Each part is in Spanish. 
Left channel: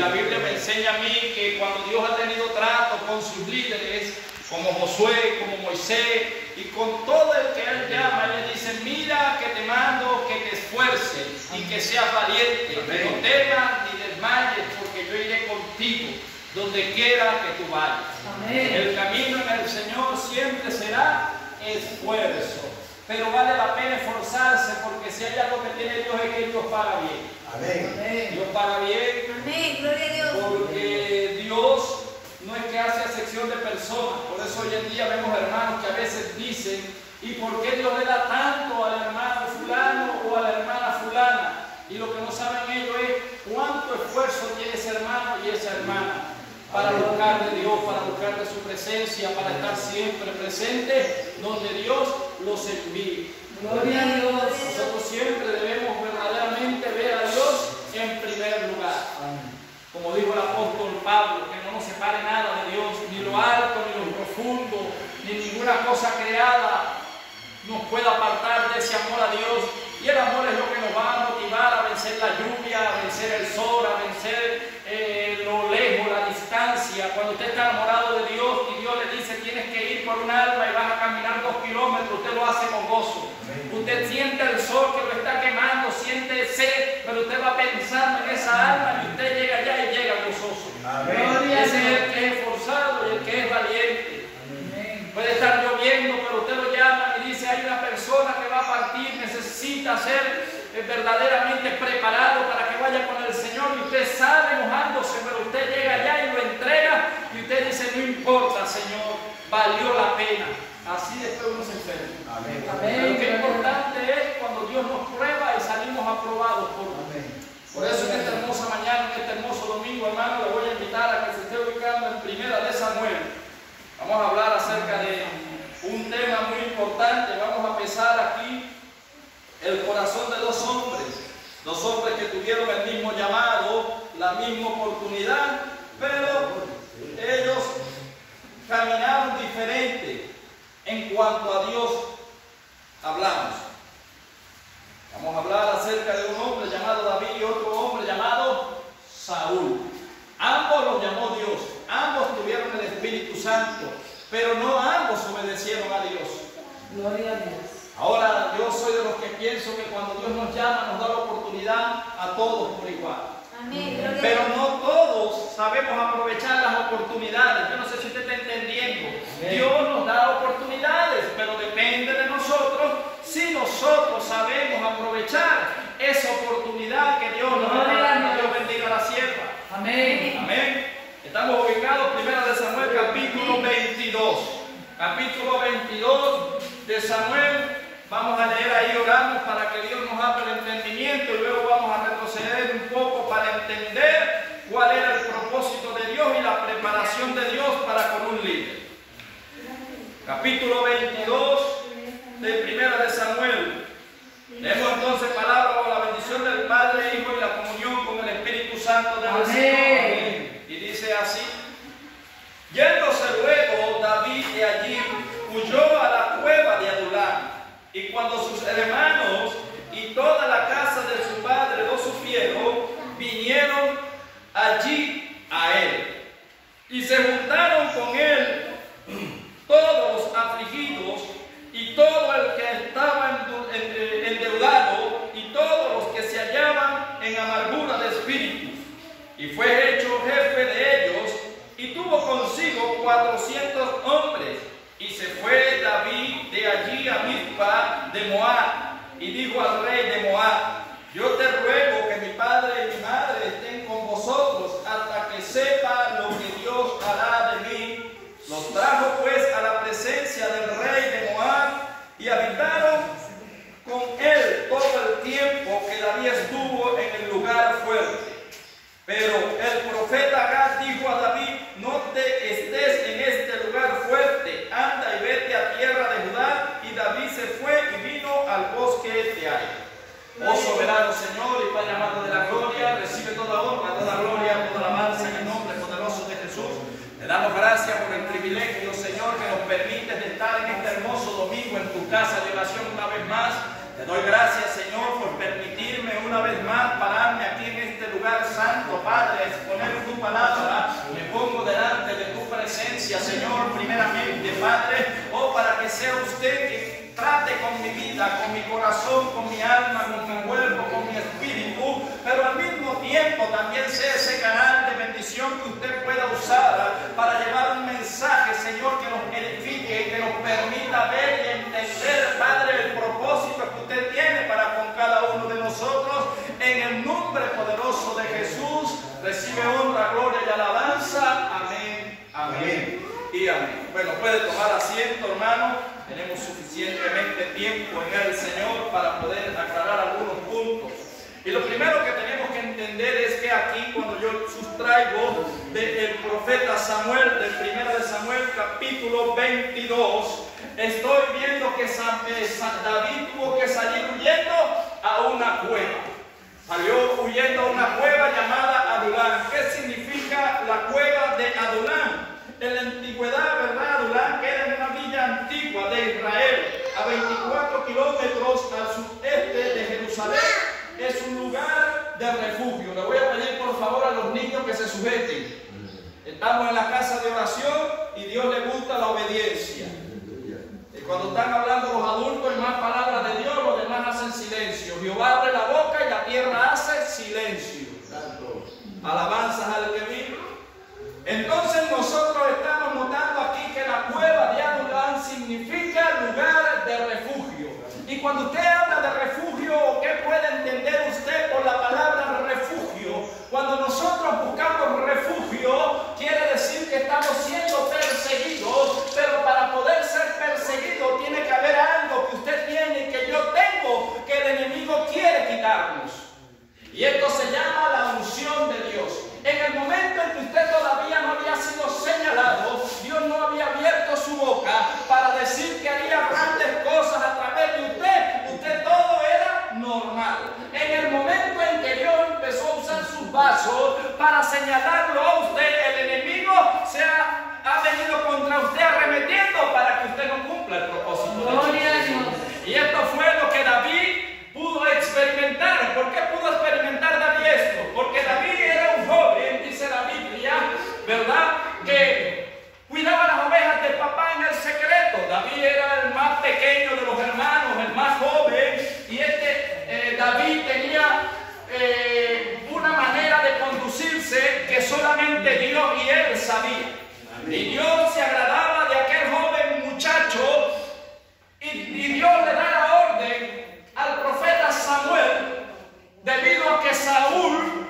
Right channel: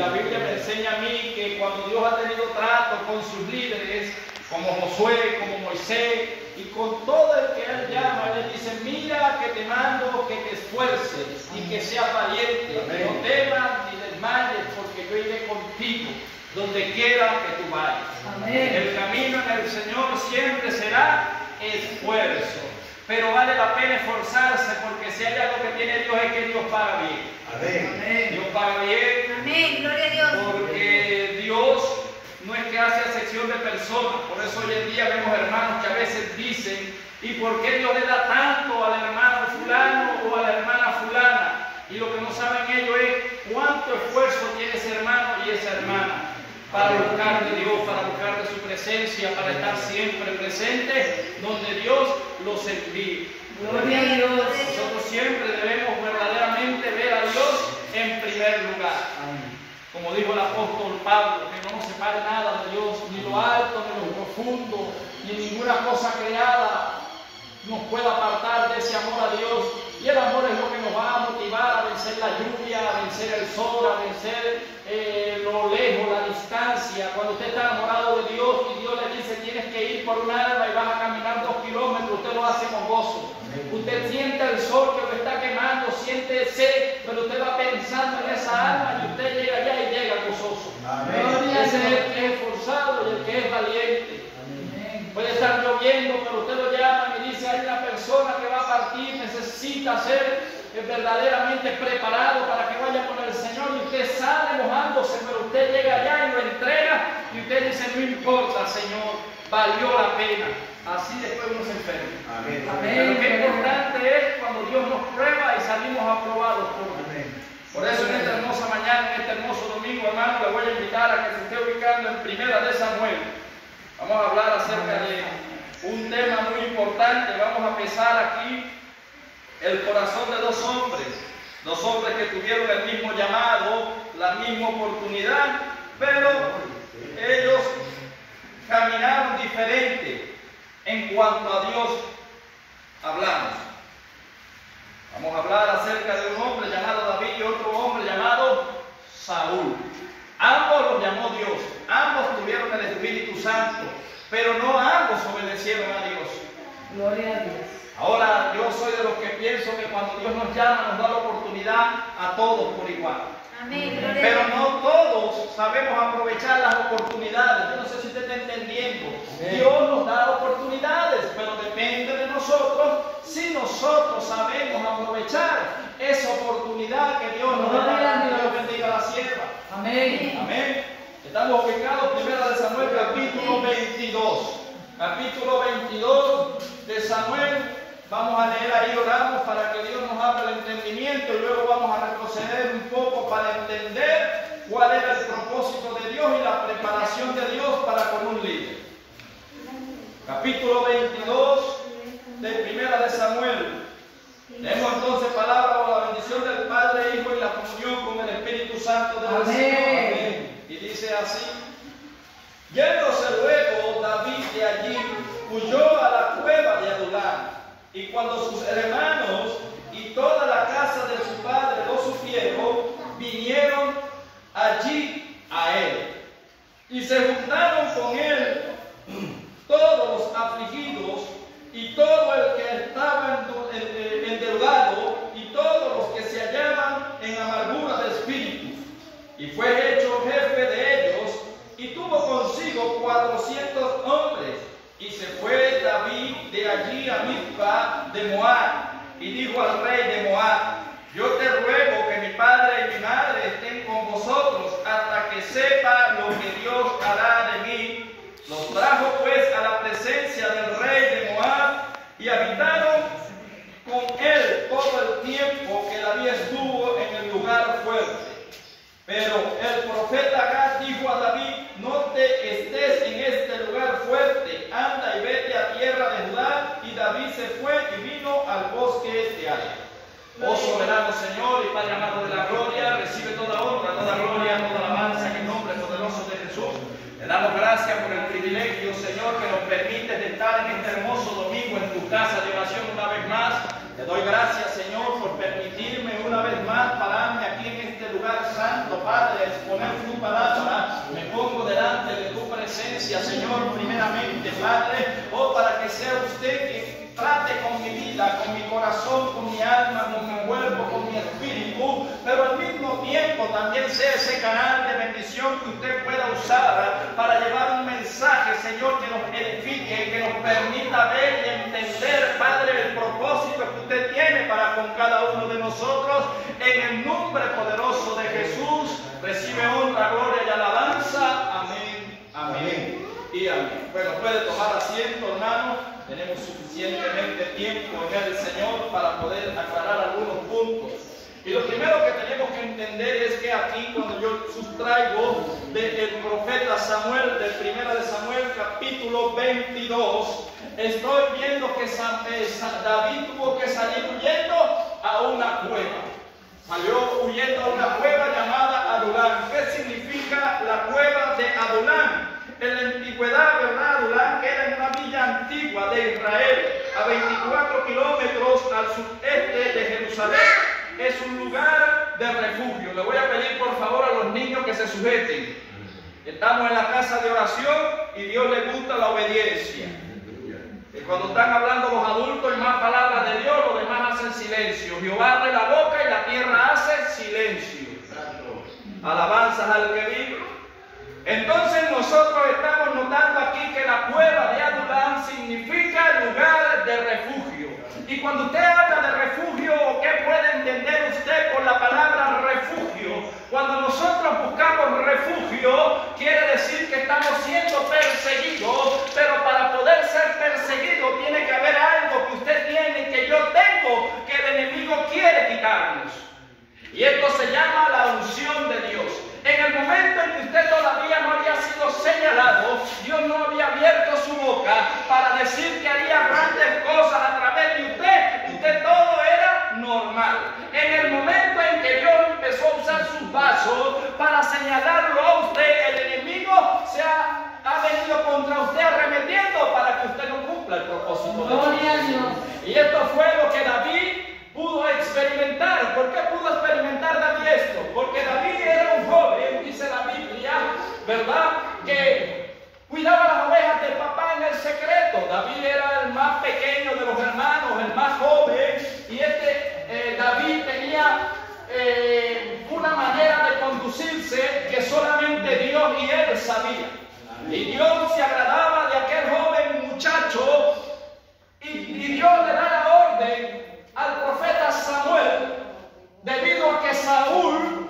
la Biblia me enseña a mí que cuando Dios ha tenido trato con sus líderes, como Josué, como Moisés, y con todo el que Él llama, Él le dice: mira que te mando que te esfuerces y que seas valiente, que no temas ni desmayes, porque yo iré contigo donde quiera que tú vayas. Amén. El camino en el Señor siempre será esfuerzo, pero vale la pena esforzarse, porque si hay algo que tiene Dios es que Dios paga bien. Amén. Dios paga bien. Amén. Gloria a Dios. Porque Dios no es que hace acepción de personas. Por eso hoy en día vemos hermanos que a veces dicen: ¿y por qué Dios le da tanto al hermano fulano o a la hermana fulana? Y lo que no saben ellos es cuánto esfuerzo tiene ese hermano y esa hermana para buscar de Dios, para buscar de su presencia, para estar siempre presente donde Dios los envíe. Gloria a Dios. Nosotros siempre debemos verdaderamente ver a Dios en primer lugar. Como dijo el apóstol Pablo, que no nos separe nada de Dios, ni lo alto, ni lo profundo, ni ninguna cosa creada nos pueda apartar de ese amor a Dios. Y el amor es lo que nos va a motivar a vencer la lluvia, a vencer el sol, a vencer lo lejos, la distancia. Cuando usted está enamorado de Dios y Dios le dice: tienes que ir por un alma y vas a caminar 2 kilómetros, usted lo hace con gozo. Usted siente el sol que lo está quemando, siente sed, pero usted va pensando en esa alma y usted llega allá y llega gozoso. Ese es el que es esforzado y el que es valiente. Puede estar lloviendo, pero usted lo llama y dice: hay una persona que va a partir, necesita ser verdaderamente preparado para que vaya con el Señor, y usted sale mojándose, pero usted llega allá y lo entrega y usted dice: no importa, Señor, valió la pena. Así después uno se enferma. Amén. Pero qué importante es cuando Dios nos prueba y salimos aprobados por Él. Por eso en esta hermosa mañana, en este hermoso domingo, hermano, le voy a invitar a que se esté ubicando en Primera de Samuel. Vamos a hablar acerca de un tema muy importante. Vamos a empezar aquí el corazón de dos hombres que tuvieron el mismo llamado, la misma oportunidad, pero ellos caminaron diferente en cuanto a Dios hablamos. Vamos a hablar acerca de un hombre llamado David y otro hombre llamado Saúl. Ambos los llamó Dios, ambos tuvieron el Espíritu Santo, pero no ambos obedecieron a Dios. Gloria a Dios. Ahora, yo soy de los que pienso que cuando Dios nos llama, nos da la oportunidad a todos por igual. Amén. Pero no todos sabemos aprovechar las oportunidades. Yo no sé si usted está entendiendo. Amén. Dios nos da oportunidades, pero depende de nosotros si nosotros sabemos aprovechar esa oportunidad que Dios nos da. Dios bendiga a la sierva. Amén. Amén. Estamos ubicados en 1 de Samuel, capítulo 22. Capítulo 22 de Samuel. Vamos a leer ahí, oramos para que Dios nos abra el entendimiento, y luego vamos a retroceder un poco para entender cuál era el propósito de Dios y la preparación de Dios para con un líder. Capítulo 22 de 1 de Samuel. Leemos entonces palabra o la bendición del Padre, Hijo y la comunión con el Espíritu Santo del Señor. Amén. Y dice así: yéndose luego David de allí, huyó a la cueva de Adulam. Y cuando sus hermanos y toda la casa de su padre lo supieron, vinieron allí a él. Y se juntaron con él todos los afligidos y todo el que estaba endeudado y todos los que se hallaban en amargura de espíritu. Y fue hecho jefe de ellos y tuvo consigo 400 hombres. Y se fue David de allí a Mizpa de Moab, y dijo al rey de Moab: yo te ruego que mi padre y mi madre estén con vosotros hasta que sepa lo que Dios hará de mí. Los trajo pues a la presencia del rey de Moab, y habitaron con él todo el tiempo que David estuvo en el lugar fuerte. Pero el profeta Gad dijo a David: no te estés en este lugar fuerte, anda y vete a tierra de Judá. Y David se fue y vino al bosque de Ai. Oh soberano Señor y Padre amado de la gloria, recibe toda honra, toda gloria, toda alabanza en el nombre poderoso de Jesús. Le damos gracias por el privilegio, Señor, que nos permite de estar en este hermoso domingo en tu casa de oración una vez más. Te doy gracias, Señor, por permitirme una vez más pararme aquí en este lugar lugar santo, Padre, a exponer tu palabra. Me pongo delante de tu presencia, Señor, primeramente, Padre, para que sea usted quien trate con mi vida, con mi corazón, con mi alma, con mi cuerpo, con mi espíritu, pero al mismo tiempo también sea ese canal de bendición que usted pueda usar para llevar un mensaje, Señor, que nos edifique, que nos permita ver y entender, Padre, el propósito que usted tiene para con cada uno de nosotros. En el nombre poderoso de Jesús, recibe honra, gloria y alabanza. Amén, amén y amén. Bueno, puede tomar asiento, hermano. Tenemos suficientemente tiempo en el Señor para poder aclarar algunos puntos. Y lo primero que tenemos que entender es que aquí, cuando yo sustraigo del profeta Samuel, del 1 de Samuel capítulo 22, estoy viendo que David tuvo que salir huyendo a una cueva. Salió huyendo a una cueva llamada Adulam. ¿Qué significa la cueva de Adulam? En la antigüedad, ¿verdad? Adulam era una villa antigua de Israel, a 24 kilómetros al sudeste de Jerusalén. Es un lugar de refugio. Le voy a pedir por favor a los niños que se sujeten. Estamos en la casa de oración y Dios le gusta la obediencia. Y cuando están hablando los adultos y más palabras de Dios, los demás hacen silencio. Jehová abre la boca y la tierra hace silencio. Alabanzas al que vive. Entonces nosotros estamos notando aquí que la cueva de Adulam significa lugar de refugio. Y cuando usted habla de refugio, ¿qué puede entender usted por la palabra refugio? Cuando nosotros buscamos refugio, quiere decir que estamos siendo perseguidos, pero para poder ser perseguido tiene que haber algo que usted tiene, que yo tengo, que el enemigo quiere quitarnos. Y esto se llama la unción de Dios. En el momento en que usted todavía no había sido señalado, Dios no había abierto su boca para decir que haría grandes cosas a través de usted todo era normal. En el momento en que Dios empezó a usar sus vasos para señalarlo a usted, el enemigo ha venido contra usted arremetiendo para que usted no cumpla el propósito de Dios. Y esto fue lo que David pudo experimentar. ¿Por qué pudo experimentar David esto? Porque David era un joven, dice la Biblia, ¿verdad?, que cuidaba las ovejas del papá en el secreto. David era el más pequeño de los hermanos, el más joven, y David tenía una manera de conducirse que solamente Dios y él sabían. Y Dios se agradaba de aquel joven muchacho, y Dios le da la orden al profeta Samuel, debido a que Saúl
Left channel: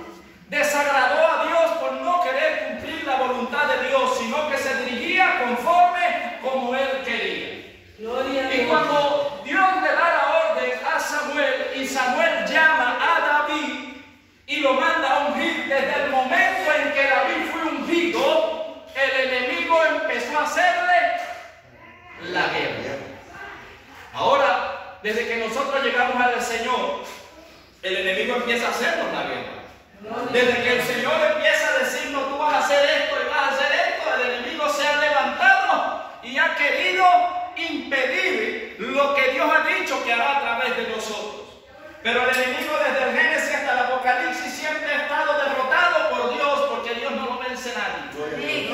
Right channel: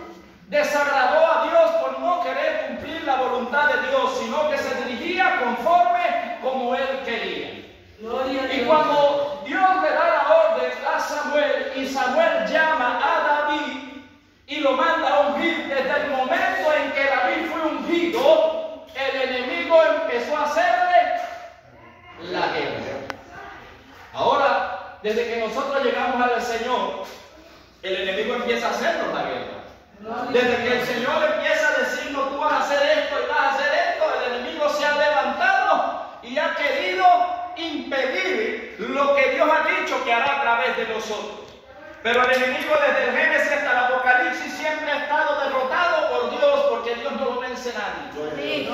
desagradó a Dios por no querer cumplir la voluntad de Dios, sino que se dirigía conforme como él quería. Y cuando Dios le da la orden a Samuel y Samuel llama a David y lo manda a ungir, desde el momento en que David fue ungido, el enemigo empezó a hacerle la guerra. Ahora, desde que nosotros llegamos al Señor, el enemigo empieza a hacernos la guerra. Desde que el Señor empieza a decirnos, tú vas a hacer esto y vas a hacer esto, el enemigo se ha levantado y ha querido impedir lo que Dios ha dicho que hará a través de nosotros. Pero el enemigo desde el Génesis hasta el Apocalipsis siempre ha estado derrotado por Dios, porque Dios no lo vence nadie.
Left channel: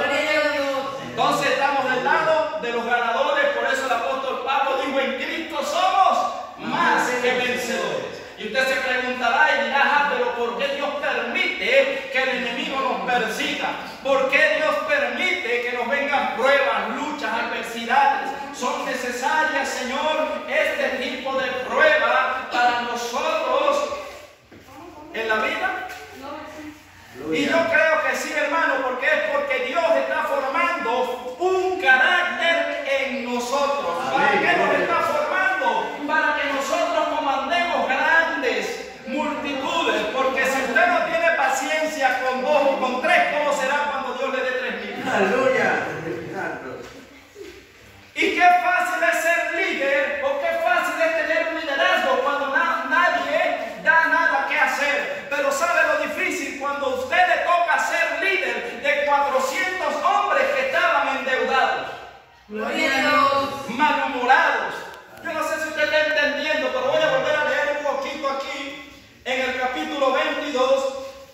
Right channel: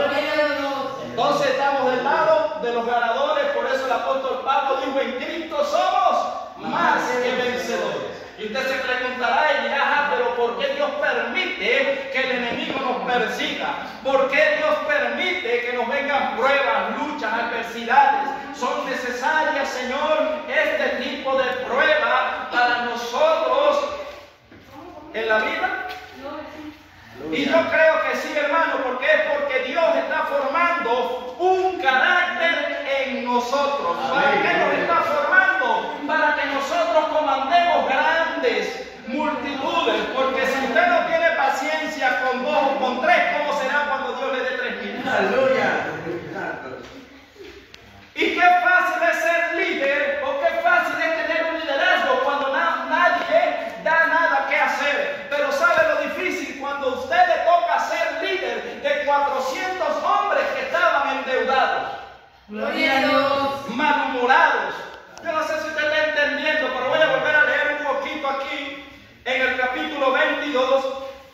Entonces estamos del lado de los ganadores. Por eso el apóstol Pablo dijo, en Cristo somos más que vencedores. Y usted se preguntará y dirá, pero ¿por qué Dios permite que el enemigo nos persiga? ¿Por qué Dios permite que nos vengan pruebas, luchas, adversidades? Son necesarias, Señor, este tipo de prueba para nosotros en la vida. Y yo creo que sí, hermano, porque es porque Dios está formando un carácter en nosotros. ¿Para qué nos está formando? Para que nosotros comandemos grandes multitudes. Porque si usted no tiene paciencia con 2 o con 3, ¿cómo será cuando Dios le dé 3.000? ¡Aleluya! Y qué fácil es ser líder, o qué fácil es tener un liderazgo cuando nadie da nada que hacer. Pero sabe lo difícil cuando a usted le toca ser líder de 400 hombres que estaban endeudados. Gloria a Dios. Malhumorados. Yo no sé si usted está entendiendo, pero voy a volver a leer un poquito aquí en el capítulo 22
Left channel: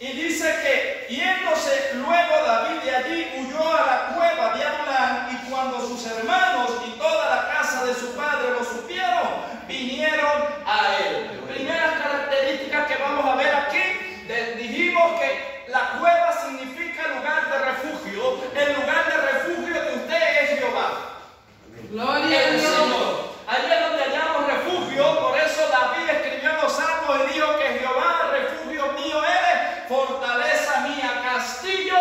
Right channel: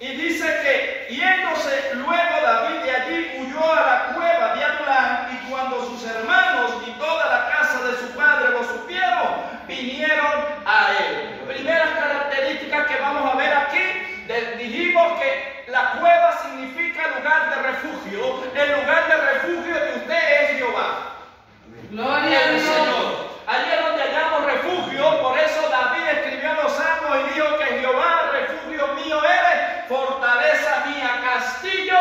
Y dice que yéndose luego David de allí, huyó a la cueva de Adulán, y cuando sus hermanos y toda la casa de su padre lo supieron, vinieron a él. Primeras características que vamos a ver aquí. Dijimos que la cueva significa lugar de refugio. El lugar de refugio de usted es Jehová. Gloria a Dios. Señor. Allí es donde hallamos refugio. Por eso David escribió en los Salmos y dijo que Jehová, refugio mío eres, fortaleza mía, castillo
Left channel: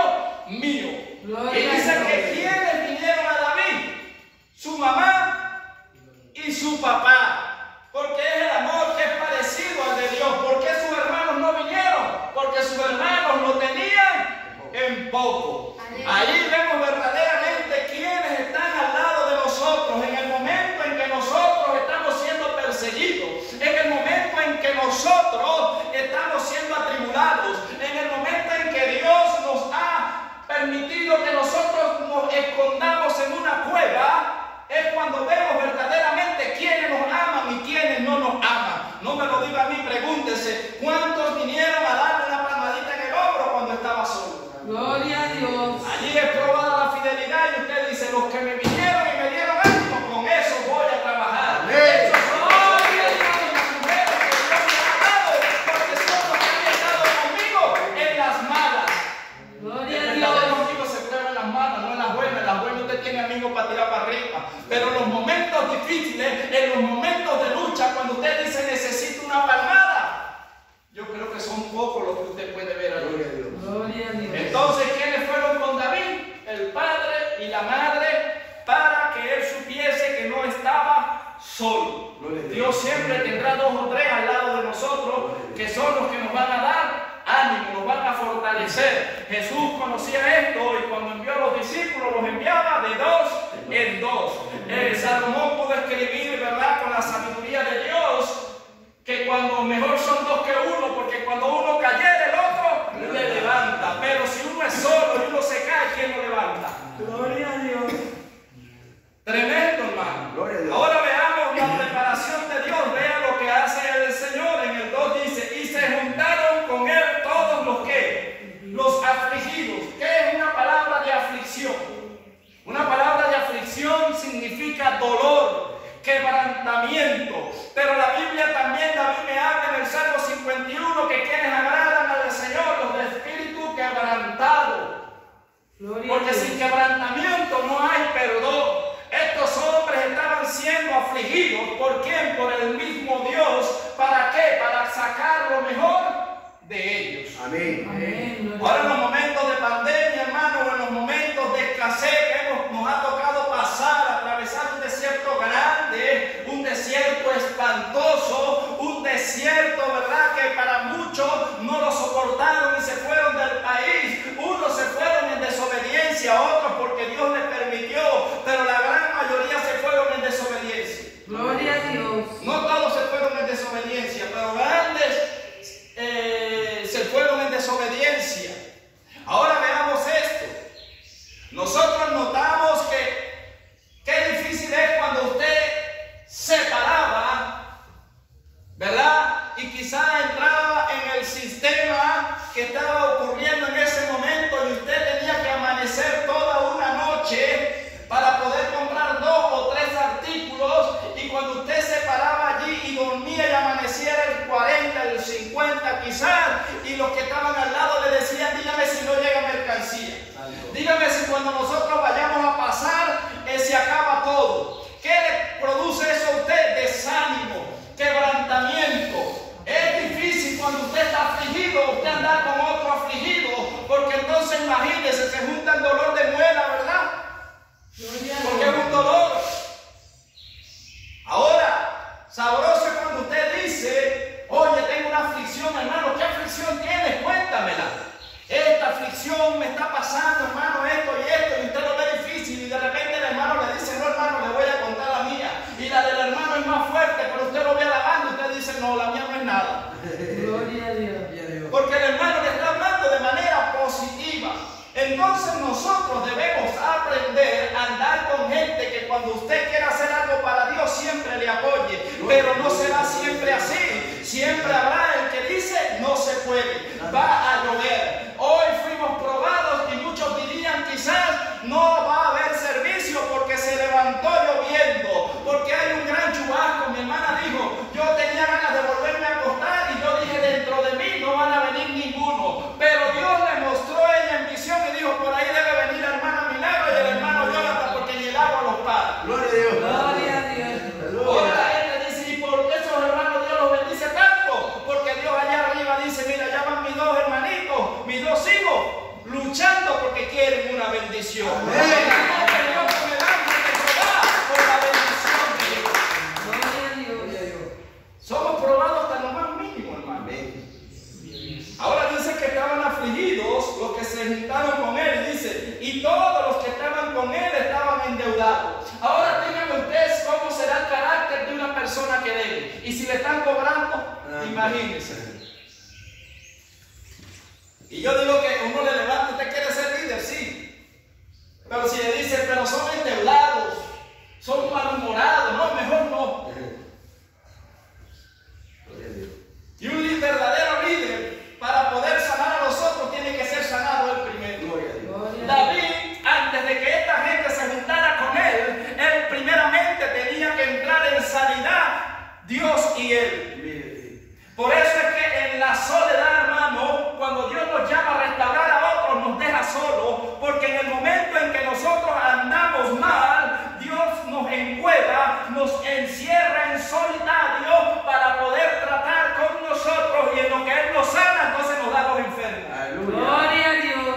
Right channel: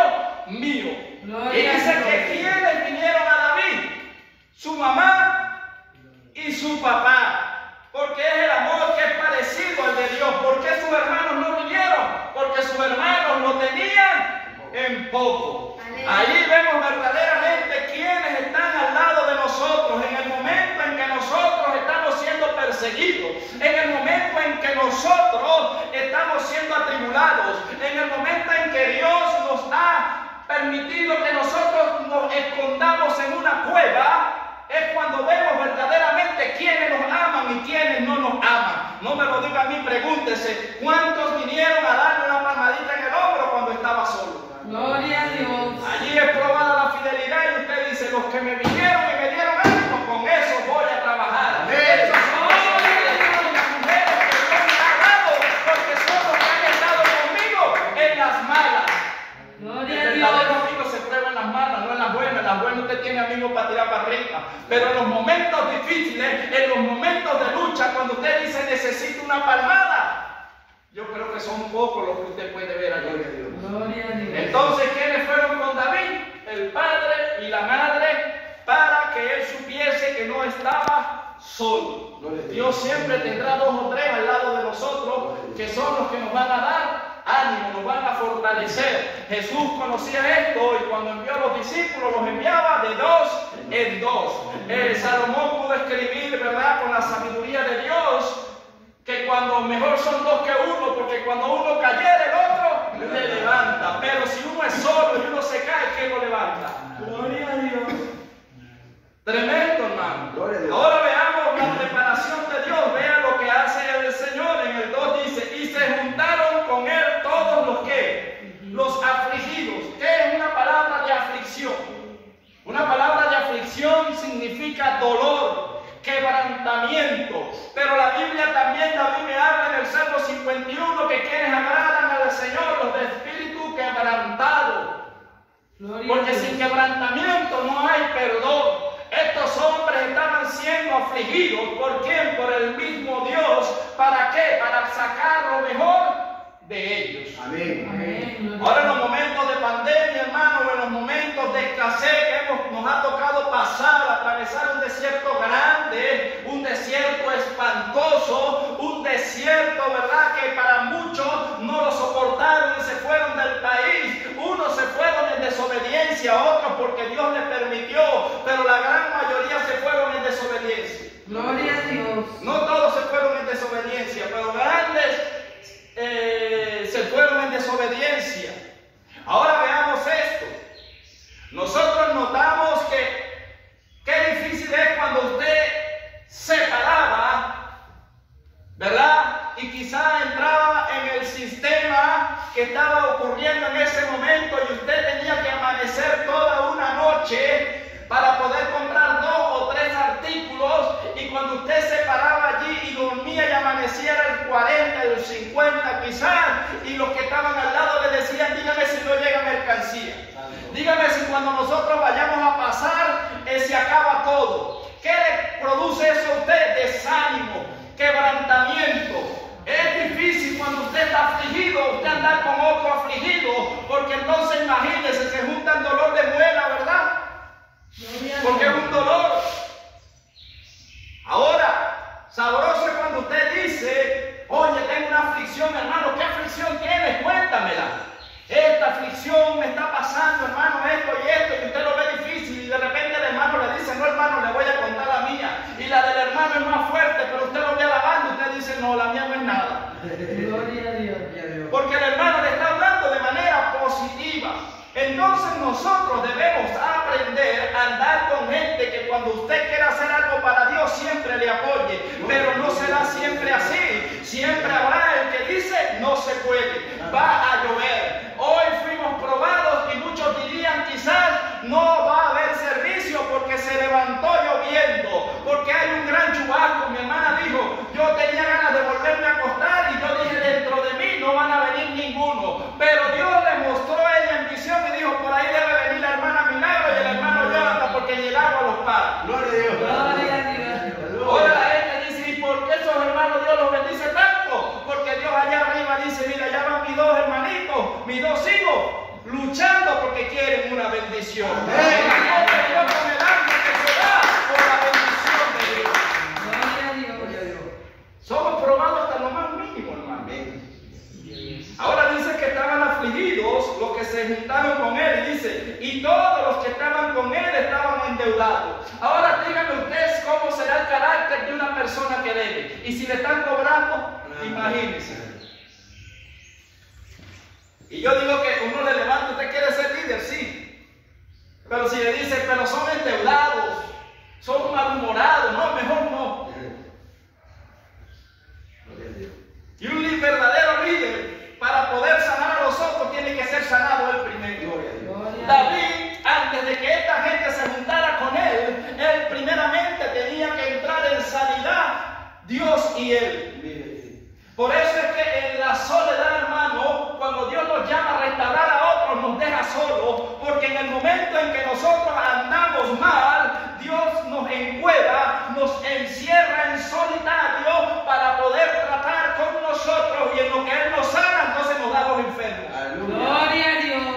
mío. Gloria y dice que quienes vinieron a David, su mamá y su papá. Porque es el amor que es parecido al de Dios. ¿Por qué sus hermanos no vinieron? Porque sus hermanos lo tenían en poco. Allí vemos verdaderamente quienes están al lado de nosotros en el momento en que nosotros estamos siendo perseguidos, en el momento en que nosotros estamos siendo atribulados, en el momento en que Dios nos ha permitido que nosotros nos escondamos en una cueva. Es cuando vemos verdaderamente quiénes nos aman y quiénes no nos aman. No me lo diga a mí, pregúntese, ¿cuántos vinieron a darle una palmadita en el hombro cuando estaba solo? Gloria a Dios. Allí es probada la fidelidad y usted dice, los que me vinieron y me dieron ánimo, con eso voy a trabajar. Esos son las mujeres que Dios me ha dado, porque son los que han estado conmigo en las malas. Gloria a El Dios. verdadero amigo se prueba en las malas, no en las buenas. En las buenas usted tiene amigos para tirar para arriba. Pero en los momentos difíciles, en los momentos de lucha, cuando usted dice necesito una palmada, yo creo que son pocos los que usted puede ver allí. Gloria a Dios. Entonces, ¿quiénes fueron con David? El padre y la madre, para que él supiese que no estaba solo. Dios siempre tendrá 2 o 3 al lado de nosotros, que son los que nos van a dar ánimo, nos van a fortalecer. Jesús conocía esto y cuando envió a los discípulos los enviaba de 2 en 2. Salomón pudo escribir, ¿verdad?, con la sabiduría de Dios, que cuando mejor son 2 que 1, porque cuando uno cayera el otro le levanta. Pero si uno es solo y uno se cae, ¿quién lo levanta? Gloria a Dios. Tremendo, hermano. Gloria a Dios. Ahora veamos la preparación de Dios. Vea lo que hace el Señor. En el 2 dice, y se juntaron con él todos los que, los afligidos. ¿Qué es una palabra de aflicción? Una palabra de aflicción significa dolor, quebrantamiento. Pero la Biblia también, David me habla en el Salmo 51, que quienes agradan al Señor, los de espíritu quebrantado. Porque sin quebrantamiento no hay perdón. Estos hombres estaban siendo afligidos. ¿Por quién? Por el mismo Dios. ¿Para qué? Para sacar lo mejor de ellos. Amén. Amén. Ahora en los momentos de pandemia, hermano, o en los momentos de escasez que nos ha tocado pasar, atravesar un desierto grande, un desierto espantoso, un desierto, ¿verdad?, que para muchos no lo soportaron y se fueron del país. Unos se fueron en desobediencia, otros porque Dios les permitió, pero la gran mayoría se fueron en desobediencia. Gloria a Dios. No todos se fueron en desobediencia, pero grandes se fueron en desobediencia. Ahora veamos esto. Nosotros notamos que qué difícil es cuando usted se paraba, ¿verdad?, y quizá entraba en el sistema que estaba ocurriendo en ese momento y usted tenía que amanecer toda una noche para poder comprar 2 o 3 artículos, y cuando usted se paraba allí y dormía y amaneciera el 40, el 50 quizás, y los que estaban al lado le decían, dígame si no llega mercancía, dígame si cuando nosotros vayamos a pasar se acaba todo. ¿Qué le produce eso a usted? Desánimo, quebrantamiento. Es difícil cuando usted está afligido, usted andar con otro afligido, porque entonces imagínese, se junta el dolor de muela, ¿verdad? Porque es un dolor. Ahora, sabroso es cuando usted dice, oye, tengo una aflicción, hermano. ¿Qué aflicción tienes? Cuéntamela. Esta aflicción me está pasando, hermano, esto y esto, y usted lo ve difícil, y de repente el hermano le dice, no, hermano, le voy a contar la mía, y la del hermano es más fuerte, pero usted lo ve alabando, y usted dice, no, la mía no es nada. Gloria a Dios. Porque el hermano le está hablando de manera positiva. Entonces nosotros debemos aprender a andar con gente que cuando usted quiera hacer algo para Dios siempre le apoye, pero no será siempre así. Siempre habrá el que dice no se puede, va a llover, luchando porque quieren una bendición. Están Dios con el hambre de Jehová por la bendición de Dios. Gloria a Dios. Somos probados hasta lo más mínimo, hermano. Ahora dice que estaban afligidos los que se juntaron con él. Y dice, y todos los que estaban con él estaban endeudados. Ahora díganme ustedes cómo será el carácter de una persona que debe. Y si le están cobrando, imagínense. Y yo digo que uno le levanta, usted quiere ser líder, sí. Pero si le dice, pero son endeudados, son malhumorados, no, mejor no. Y un verdadero líder, para poder sanar a los otros, tiene que ser sanado él primero. David, antes de que esta gente se juntara con él primeramente tenía que entrar en sanidad, Dios y él. Por eso es que en la soledad, hermano, cuando Dios nos llama a restaurar a otros, nos deja solos, porque en el momento en que nosotros andamos mal, Dios nos encueva, nos encierra en solitario para poder tratar con nosotros, y en lo que Él nos sana, entonces nos da los enfermos. Gloria a Dios.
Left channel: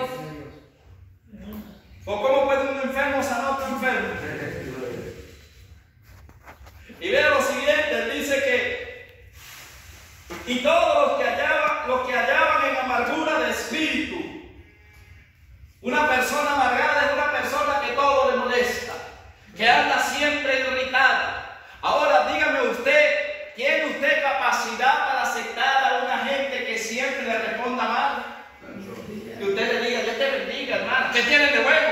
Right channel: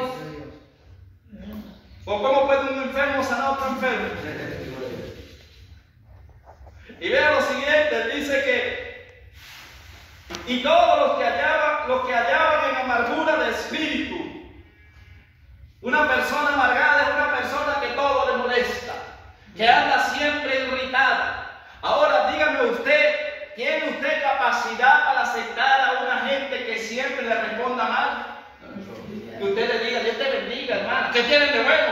¿O cómo puede un enfermo sanar a otro enfermo? Y vea lo siguiente, Él dice que y todos los que hallaban en amargura de espíritu. Una persona amargada es una persona que todo le molesta, que anda siempre irritada. Ahora dígame usted, ¿tiene usted capacidad para aceptar a una gente que siempre le responda mal? Que usted le diga, Dios te bendiga, hermano, ¿qué tienen de bueno?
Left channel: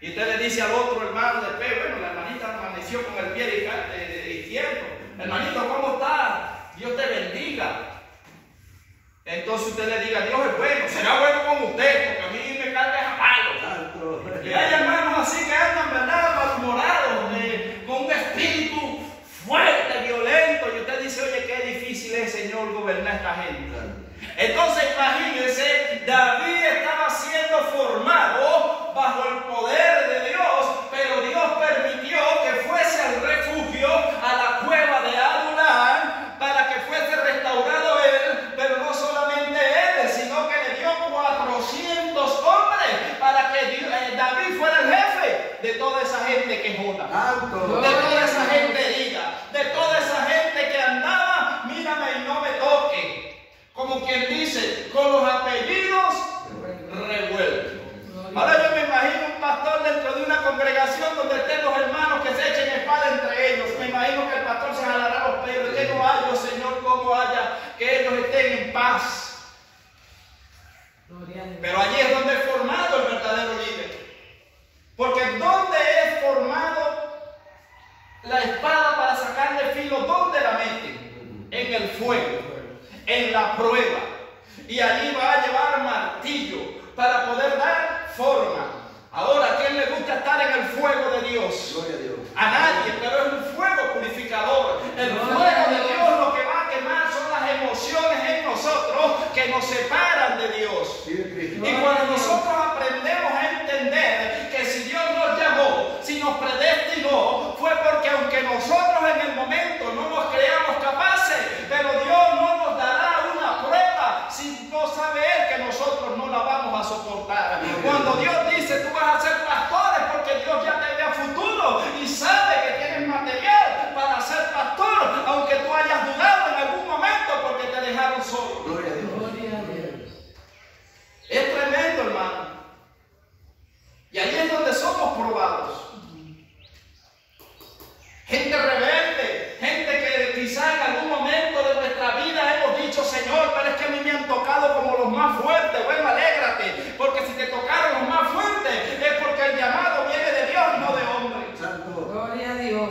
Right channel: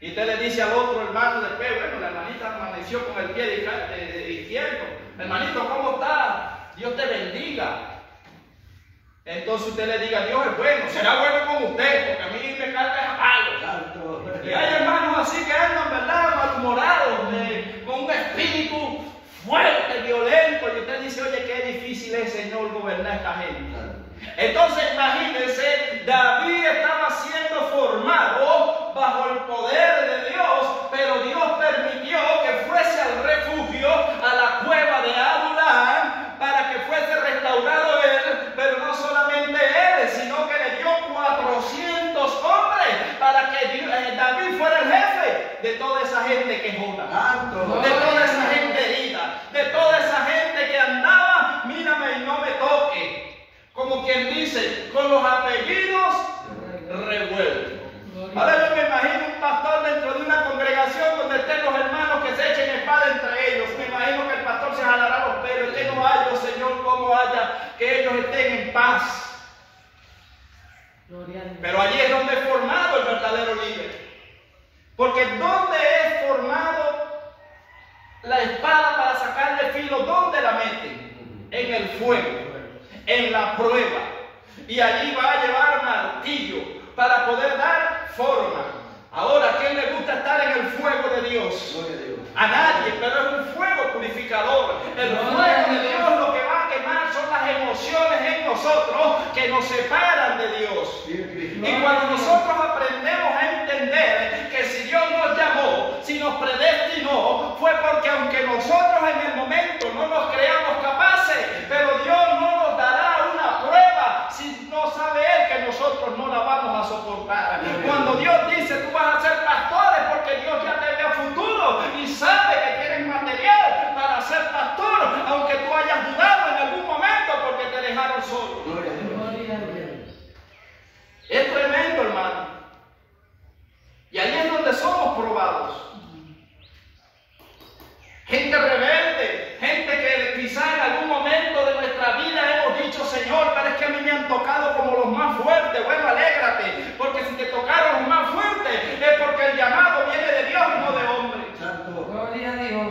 Y usted le dice al otro hermano después, bueno, la hermanita amaneció con el pie izquierdo. Hermanito, ¿cómo está? Dios te bendiga. Entonces usted le diga, Dios es bueno, será bueno con usted, porque a mí me carga a palo. Y hay hermanos así que andan, ¿verdad?, malhumorados, con un espíritu fuerte, violento. Y usted dice, oye, qué difícil es, Señor, gobernar a esta gente. Entonces imagínense, David estaba siendo formado bajo el poder de Dios, pero Dios permitió que fuese al refugio, a la cueva de Adulán, para que fuese restaurado él, pero no solamente él, sino que le dio 400 hombres para que David fuera el jefe de toda esa gente quejona, de toda esa gente herida, de toda esa gente que andaba, mírame y no me toque. Como quien dice, con los apellidos revueltos. Ahora yo me imagino un pastor dentro de una congregación donde estén los hermanos que se echen espada entre ellos. Me imagino que el pastor se jalará los pelos y que no haya, Señor, como haya, que ellos estén en paz. Pero allí es donde es formado el verdadero líder. Porque ¿dónde es formado la espada para sacarle filo? ¿Dónde la meten? En el fuego, en la prueba. Y allí va a llevar martillo para poder dar forma. Ahora, ¿a quién le gusta estar en el fuego de Dios? A nadie, pero es un fuego purificador. El fuego de Dios lo que va a quemar son las emociones en nosotros que nos separan de Dios. Y cuando nosotros aprendemos a entender que si Dios nos llamó, si nos predestinó, fue porque aunque nosotros en el momento no nos creamos capaces, pero Dios no nos dará una prueba si no sabe Él que nosotros no la vamos a soportar. Cuando Dios dice, tú vas a ser pastores, porque Dios ya te ve a futuro y sabe que tienes material para ser pastor, aunque tú hayas dudado en algún momento porque te dejaron solo. Es tremendo, hermano. Y ahí es donde somos probados. Gente rebelde, gente que quizá en algún momento de nuestra vida hemos dicho, Señor, pero es que a mí me han tocado como los más fuertes. Bueno, alégrate, porque si te tocaron los más fuertes es porque el llamado viene de Dios y no de hombre. Gloria a Dios.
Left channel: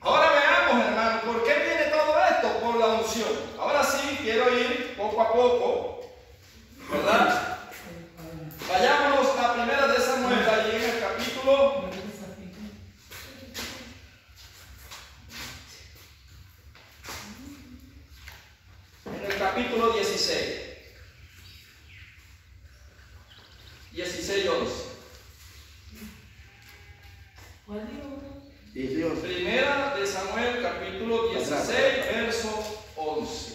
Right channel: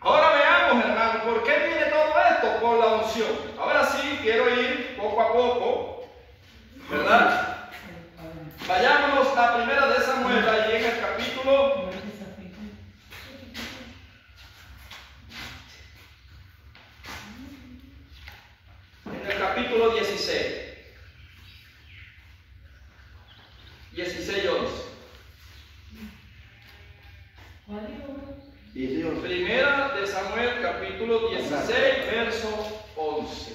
Ahora veamos, hermano, ¿por qué viene todo esto? Por la unción. Ahora sí, quiero ir poco a poco, ¿verdad? Vayámonos a primera de Samuel, ahí en el capítulo 16. 16:11. Primera de Samuel, capítulo 16, verso 11.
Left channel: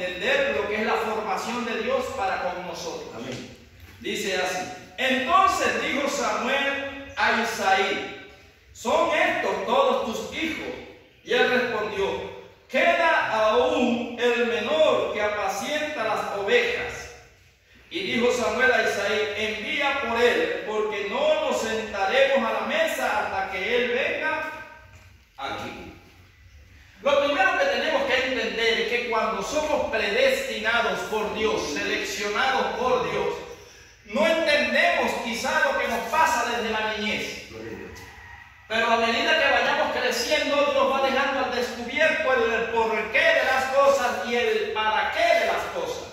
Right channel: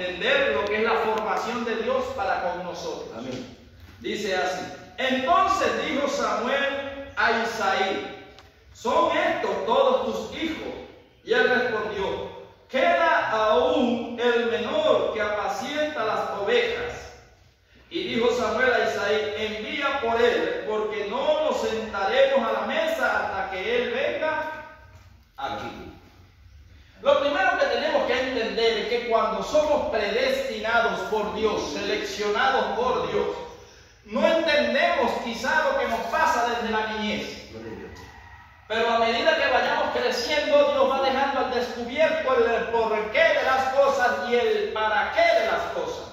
entender lo que es la formación de Dios para con nosotros. Amén. Dice así: entonces dijo Samuel a Isaí: ¿son estos todos tus hijos? Y él respondió: queda aún el menor que apacienta las ovejas. Y dijo Samuel a Isaí: envía por él, porque no nos sentaremos a la mesa hasta que él venga aquí. Lo primero que tenemos que entender es que cuando somos predestinados por Dios, seleccionados por Dios, no entendemos quizá lo que nos pasa desde la niñez. Pero a medida que vayamos creciendo, Dios va dejando al descubierto el por qué de las cosas y el para qué de las cosas.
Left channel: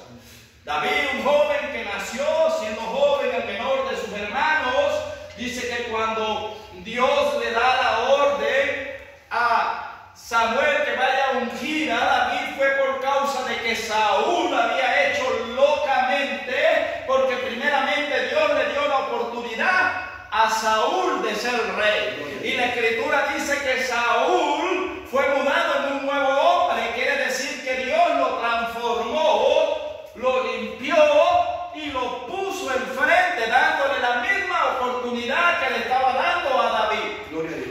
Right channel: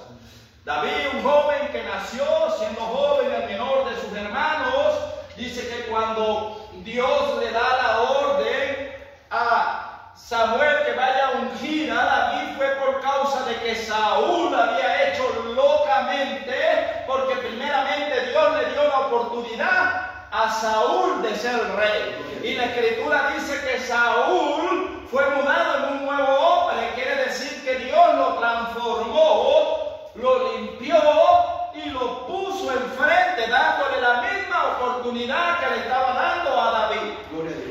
David, un joven que nació siendo joven, el menor de sus hermanos, dice que cuando Dios le da la orden a Samuel que vaya a ungir a David, fue por causa de que Saúl había hecho locamente, porque primeramente Dios le dio la oportunidad a Saúl de ser rey. Y la escritura dice que Saúl fue mudado en un nuevo hombre, quiere decir que Dios lo transformó, lo limpió y lo puso enfrente, dándole la misma oportunidad que le estaba dando a David.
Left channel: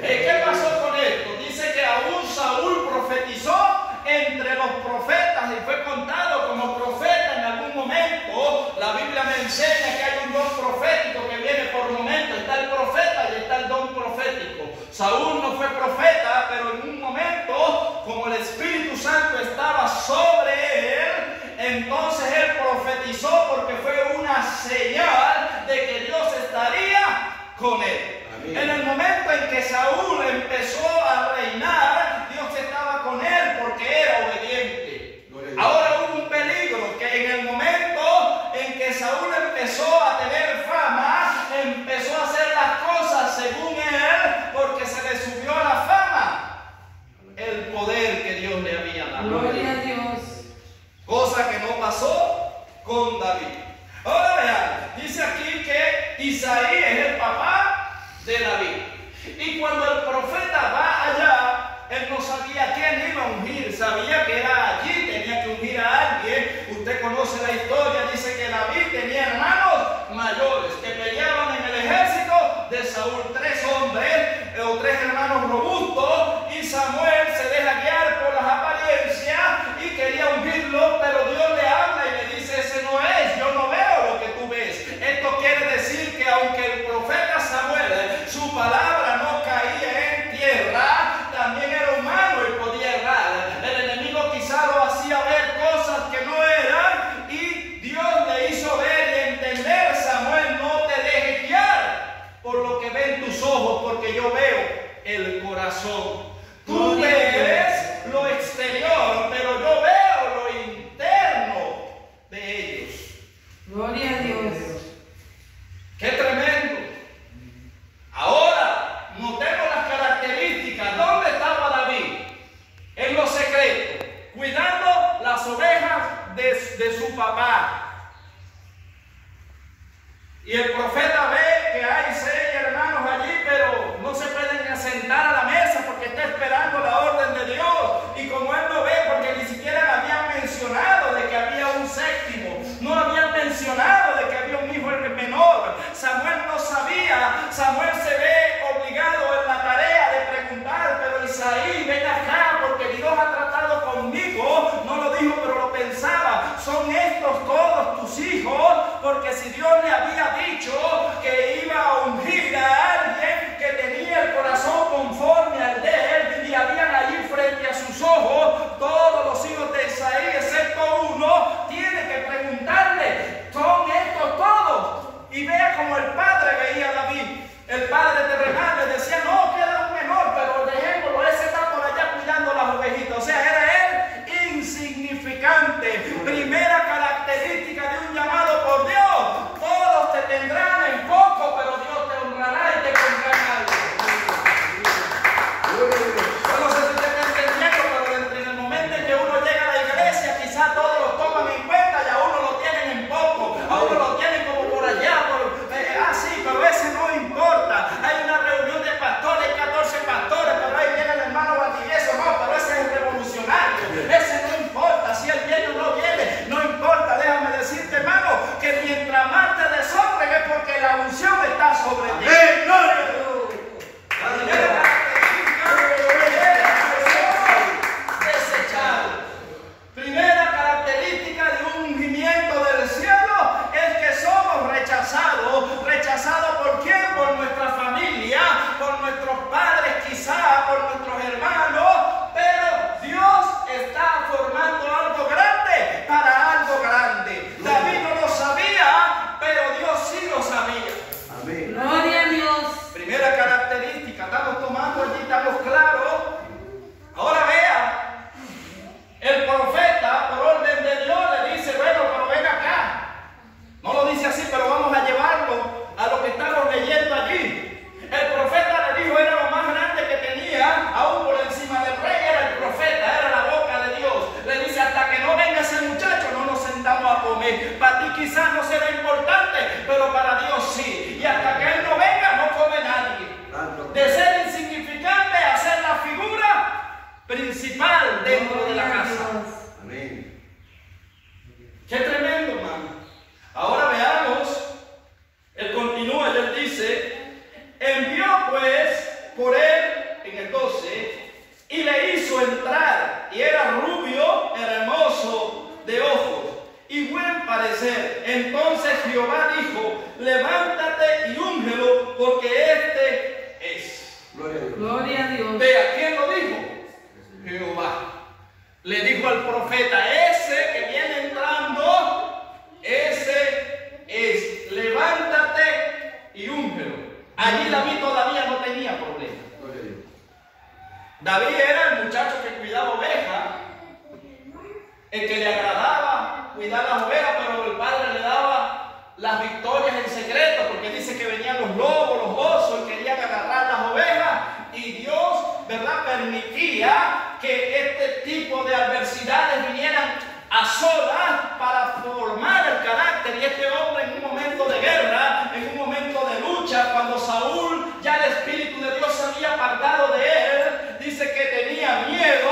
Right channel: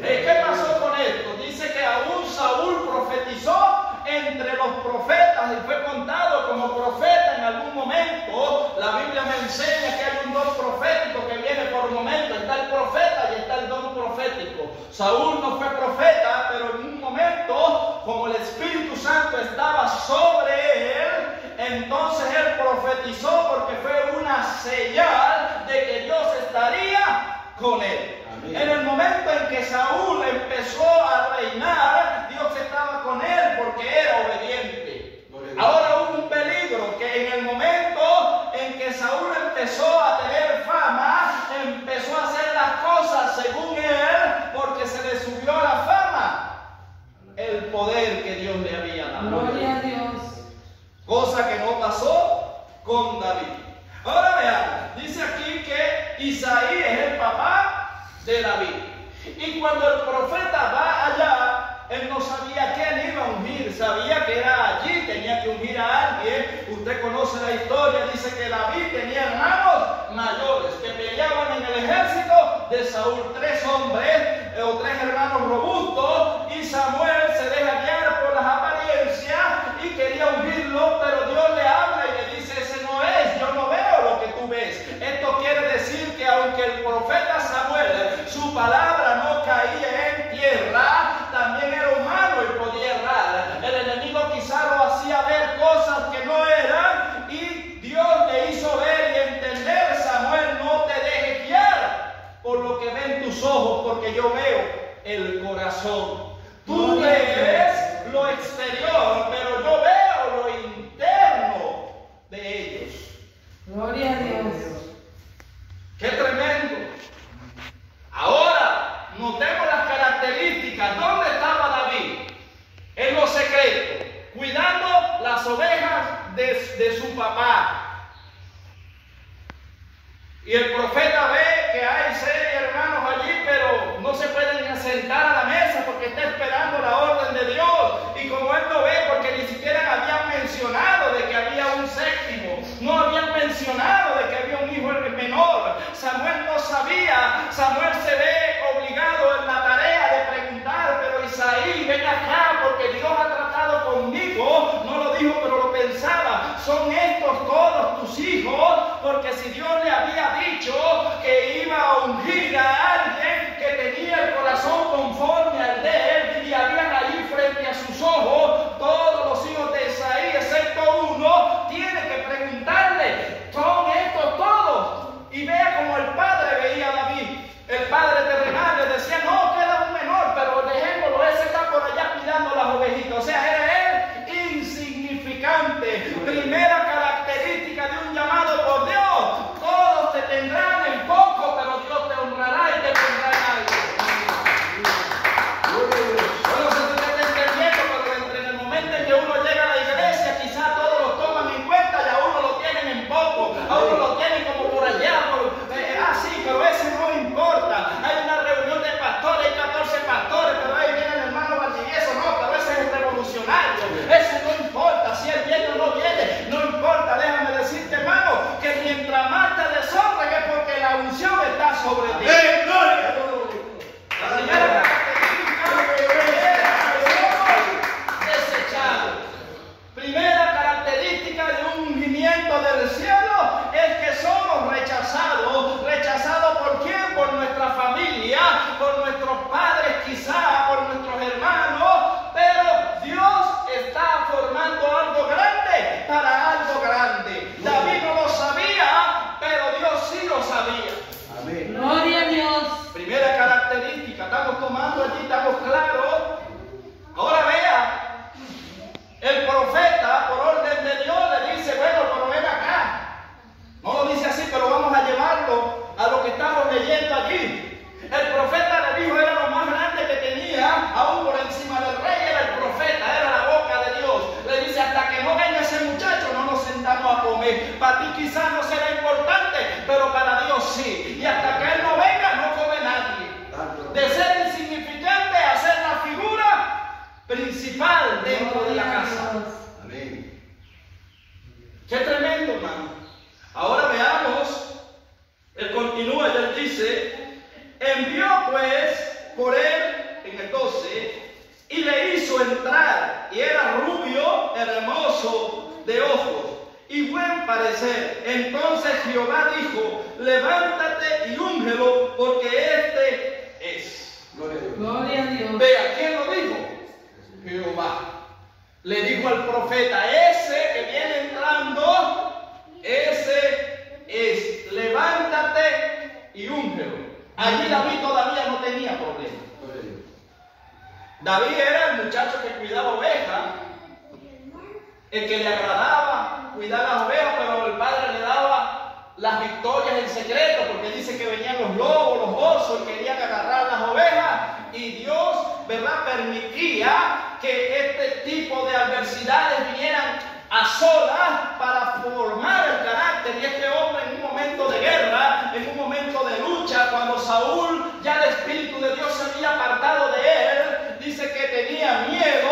¿Qué pasó con esto? Dice que aún Saúl profetizó entre los profetas y fue contado como profeta en algún momento. La Biblia me enseña que hay un don profético que viene por momentos. Está el profeta y está el don profético. Saúl no fue profeta, pero en un momento, como el Espíritu Santo estaba sobre él, entonces él profetizó, porque fue una señal de que Dios estaría con él. Amén. En el momento en que Saúl empezó a reinar, Dios estaba con él porque era obediente. Ahora hubo un peligro, que en el momento en que Saúl empezó a tener fama, empezó a hacer las cosas según él, porque se le subió a la fama el poder que Dios le había dado. Gloria a Dios. Cosa que no pasó con David. Ahora vean, dice aquí que Isaí es el papá de David. Y cuando el profeta va allá, él no sabía quién iba a ungir, sabía que era allí, tenía que ungir a alguien. Usted conoce la historia, dice que David tenía hermanos mayores que peleaban en el ejército de Saúl, 3 hombres o 3 hermanos robustos, y Samuel se deja guiar por las apariencias y quería ungirlo, pero Dios le habla y le dice: ese no es, yo no veo lo que tú ves. Esto quiere decir que aunque el profeta Samuel, su palabra no caía en tierra, también era humano y podía errar. El enemigo quizá lo hacía ver cosas que no eran, y Dios le hizo ver y entender: Samuel, no te dejes guiar por lo que ven tus ojos, porque yo veo el corazón. Tú ves lo exterior, pero yo veo lo interno de ellos. Gloria a Dios. ¡Qué tremendo! Ahora, notemos las características. ¿Dónde estaba David? En lo secreto, cuidando las ovejas de su papá. Y el profeta ve que hay 6 hermanos allí, pero no se pueden sentar a la mesa porque está esperando la orden de Dios. Y como él no ve, porque ni siquiera habían mencionado de que había un 7º, no habían mencionado de que había un hijo menor. Samuel no sabía. Samuel se ve obligado en la tarea de preguntar: pero Isaí, ven acá, porque Dios ha tratado conmigo. No lo dijo, pero lo pensaba: son estos todos tus hijos, porque si Dios le había dicho que iba a ungir a alguien que tenía el corazón conforme al de él, y habían allí frente a sus ojos todos los hijos de Isaí excepto uno, tiene que preguntarle: ¿son estos todos? Y vea como el padre veía a David. El padre terrenal le decía: no, queda un menor, pero dejémoslo, ese está por allá cuidando las ovejitas. O sea, era él insignificante. Primera característica de un llamado por Dios: todos te tendrán en poco. quizás no será importante, pero para Dios sí. Y hasta que Él no venga, no come nadie. De ser insignificante a ser la figura principal dentro de la casa. Amén. Qué tremendo, hermano. Ahora veamos, Él continúa y Él dice, envió pues por él, en el 12, y le hizo entrar, y era rubio, hermoso de ojos, y buen parecer. Entonces Jehová dijo, levántate y úngelo, porque este es. Gloria a Dios. Gloria a Dios. Vea, ¿quién lo dijo? Jehová. Le dijo al profeta, ese que viene entrando, ese es, levántate y úngelo. Allí David todavía no tenía problema. Gloria a Dios. David era el muchacho que cuidaba ovejas, el que le agradaba cuidar las ovejas, pero el padre le daba las victorias en secreto, porque dice que venían los lobos, los osos, y querían agarrar las ovejas, y Dios, ¿verdad?, permitía que este tipo de adversidades vinieran a solas para formar el carácter. Y este hombre, en un momento de guerra, en un momento de lucha, cuando Saúl, ya el Espíritu de Dios se había apartado de él, dice que tenía miedo.